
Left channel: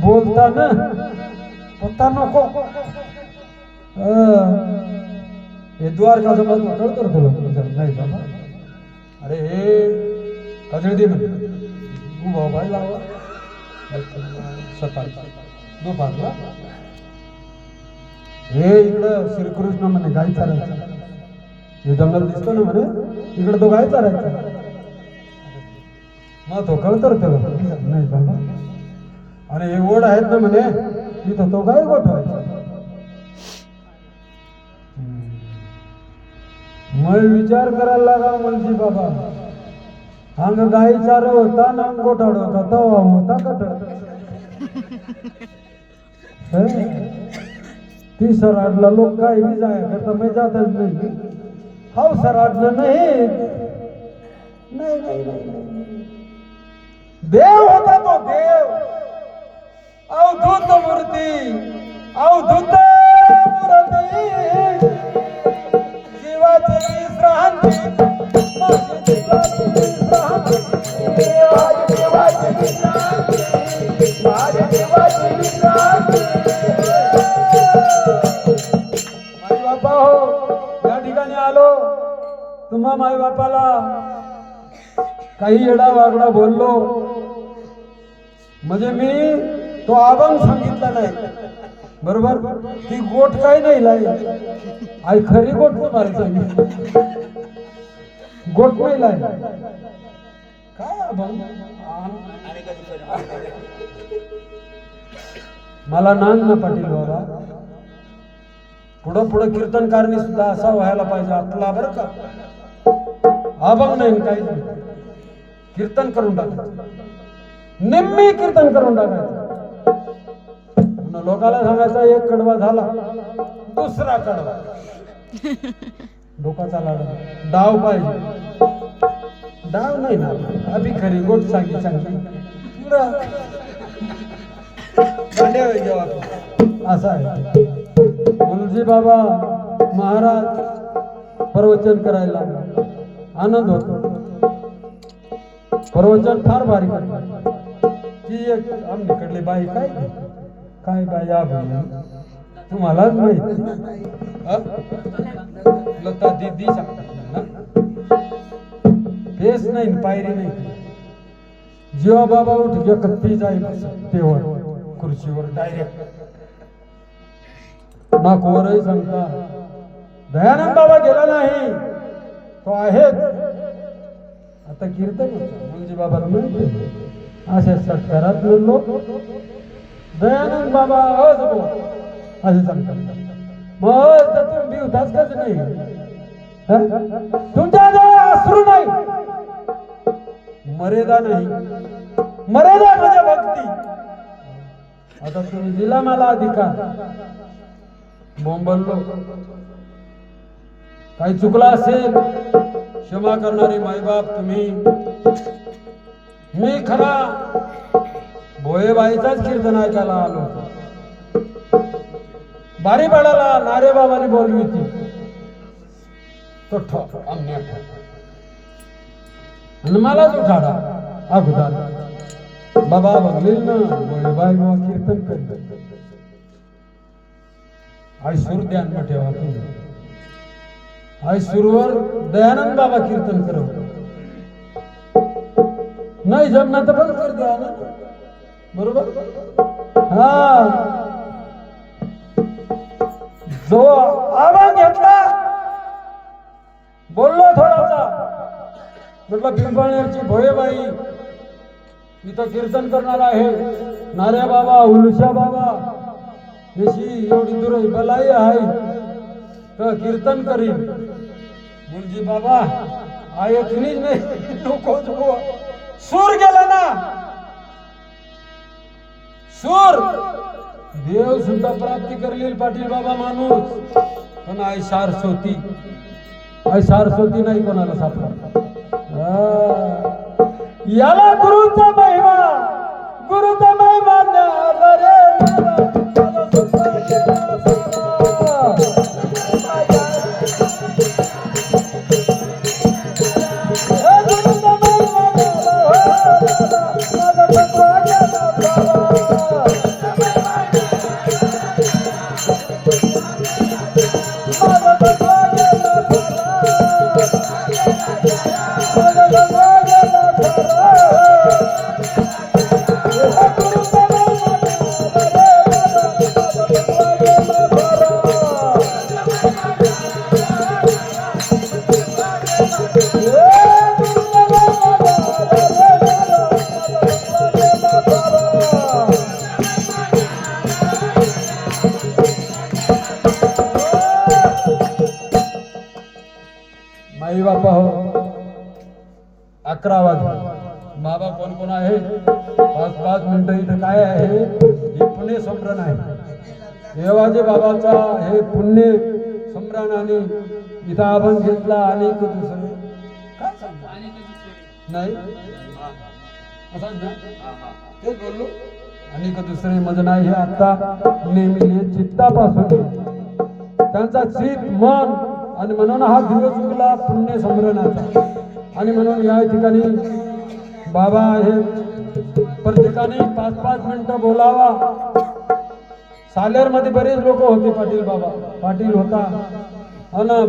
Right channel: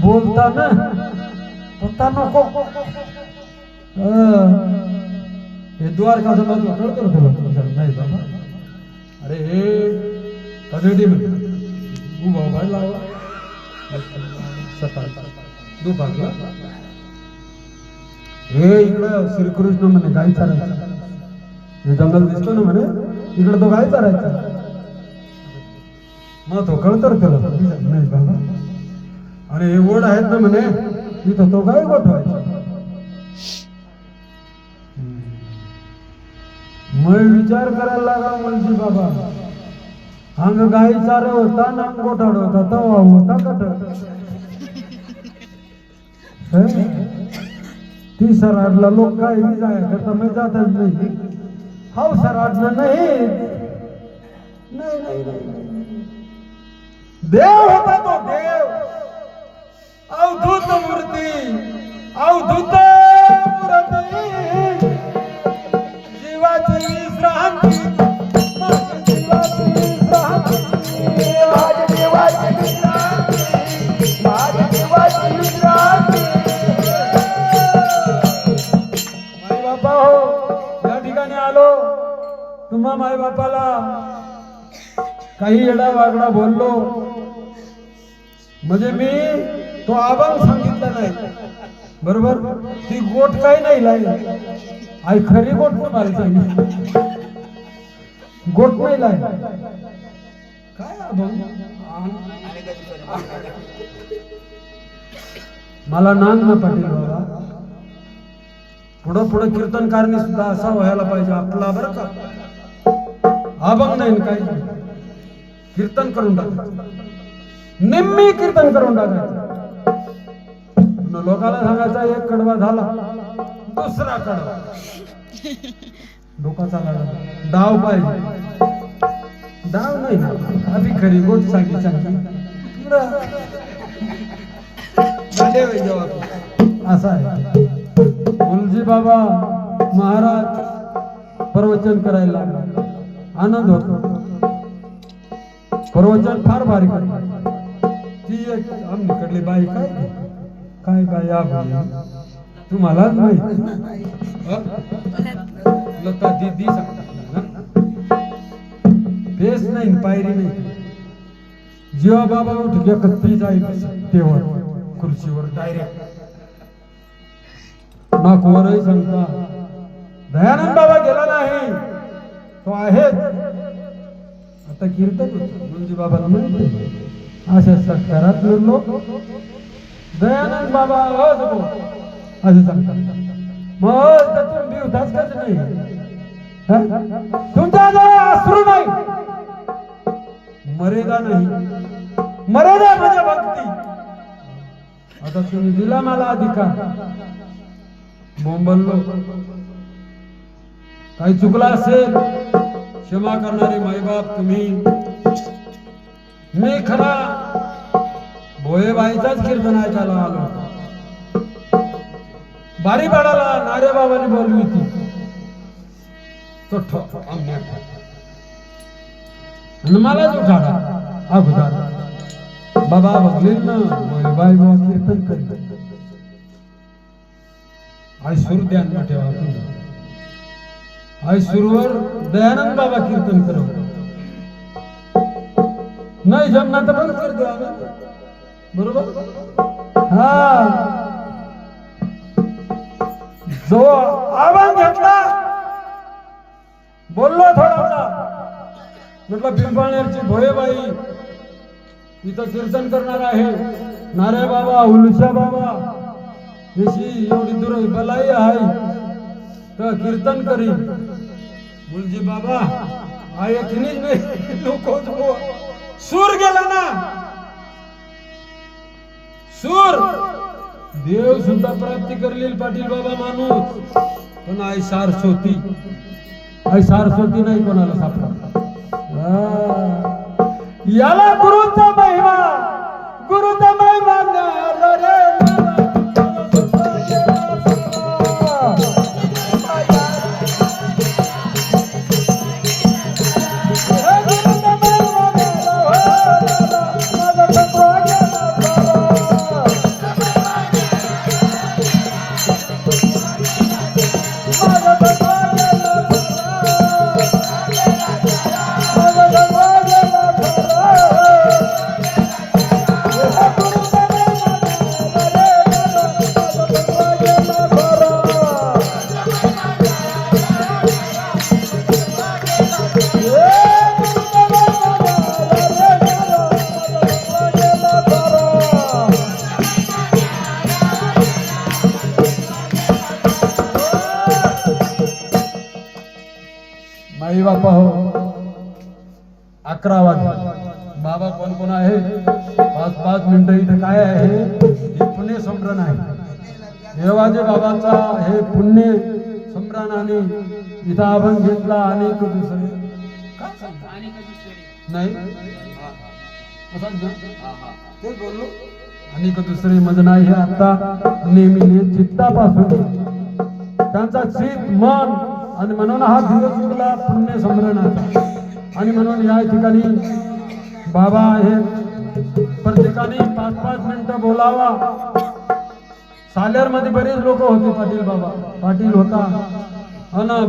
बोलता ना पत्ता नको हे द्वारका जमा तू कळतो नाही बाबा अरे हे कधी दे तू बाबा लावा सकाळचा दुपारला हे इकडं श्रीकृष्ण म्हणे गाय चारायचा हे जंगल दिसतो ना म्हणे इकडे तो गाय चारायचा मग तो कळतो त्याला नाही बाबा अरे हे ओढ आहेत ना म्हणे इथं तो गाय गोठवायचा मग विचार करायला लागा म्हणजे बाबा अंग गाई चारे होता ना गोठाड होता तवा होता कट ती सराडला लोक काय जाया करता मी जातच नाही हा सराडला नाही नाही नाही नाही देव होता तो देव अवधूत मूर्ती अवधूत मूर्ती जीवाची विश्रांती तुम्हा माय बापाला काही येडा वागडा बोललो म्हणजे मी तो अभंग सांगितला नाही बरोबर ती गोट काही नाही लाई आई खरी गोट मारायची गोट नाही लाई काय अभंग मला नांद ना पाटील बाबा पुढं पुढं कीर्तनकारणी सुद्धा असा व्हायला पाहिजे आपला बरं का अभंग नाही काही कीर्तन करून टाकायचं निम्मी कीर्तन करून टाकायचं लोकांना सांगायचा एक कडवा झाला दुसरा कडवा डोकाचा लाडा डाव पाहिजे डाव नाही ना अभि खरी गोट सांगी सांगी असं आहे गुरुजी बाबा महाराज प्रवचन करायला आनंद होतो प्रवचन फार भारी करतात ती एक आमच्याकडली बाई काय काय बाई तुम्हालाच माहिती लता दीदी सांगतात फेस नाही पायरी नाही जेव्हा बाबा उठ एकच पी जाईल तेव्हा खुर्चीवर डायरेक्ट नाकवरही सांगता दयानंद बाबा गेला नाही तो आहेच आता कीर्तन होता म्हणजे बाबाला माहिती अशा सत्कारात लोक दयानंद बाबा असं सांगतात मग तर तुम्ही उदास कच नाही तुमच्या अश्रू नाही मर्यादा नाही मर्यादा म्हणजे भक्ती आता तुम्ही दिला मला अधिकार बोंबललो काही चुकला असेल क्षमा करणारे मायबाप तुम्ही मी खरा भोयेबाईचाच कीर्तन ऐकायला आलो बारीपाडाला नारे बाबांनी बोलली होती तो ठोक मलाच उठाडा अगोदर बाबा बघले ना भोयेबाई बाबा कीर्तन करीत आई सूर ध्यान में ठेवा तुम्ही आई सूरवर दयानंद बाबा कीर्तन करत नाही जमना तर बंद कर द्या बरोबर हा जो आवाज घेतला बोललो थोडासा म्हटलं पिंपळनेरची भोयेबाई इथं कीर्तन करणार आहे नाऱ्या बाबा उलुशा बाबा याची एवढी दूर बलाई आहे तर कीर्तन करी मुलजी बाबा ऐकलीच नाही लोकच सूर गेला ना सूर देव सुद्धा प्राप्ती करलील पाटील बाबा माणूस पण आई सारस्वती नाही कोणाला सापडा याला गुरुचा महिमा न्यारा रे आई बापा हो 11 वाजले बाबा कोण कोण आहे 5-5 मिनिटं इथं काय आहे हे पुण्य संभ्रण आहे देवाजे बाबाचा हे पुण्य संभ्रण आणि इथं आपण घेतला आणि दुसरे काय सांगता नाही असं ना तेच बोललो आणि दुसरे मज नाही हे आता नेहमी चित्तापासून त्यांचा चित मन आणि म्हणून हा दिवस उगला पुण्य संभ्रणाचा आणि म्हणून या ठिकाणी बाबा हे प्रत्येकाने 5-5 मिनिटं बोलावा सालेर मध्ये बरेच लोक होते पाटील बाबा पाटील होता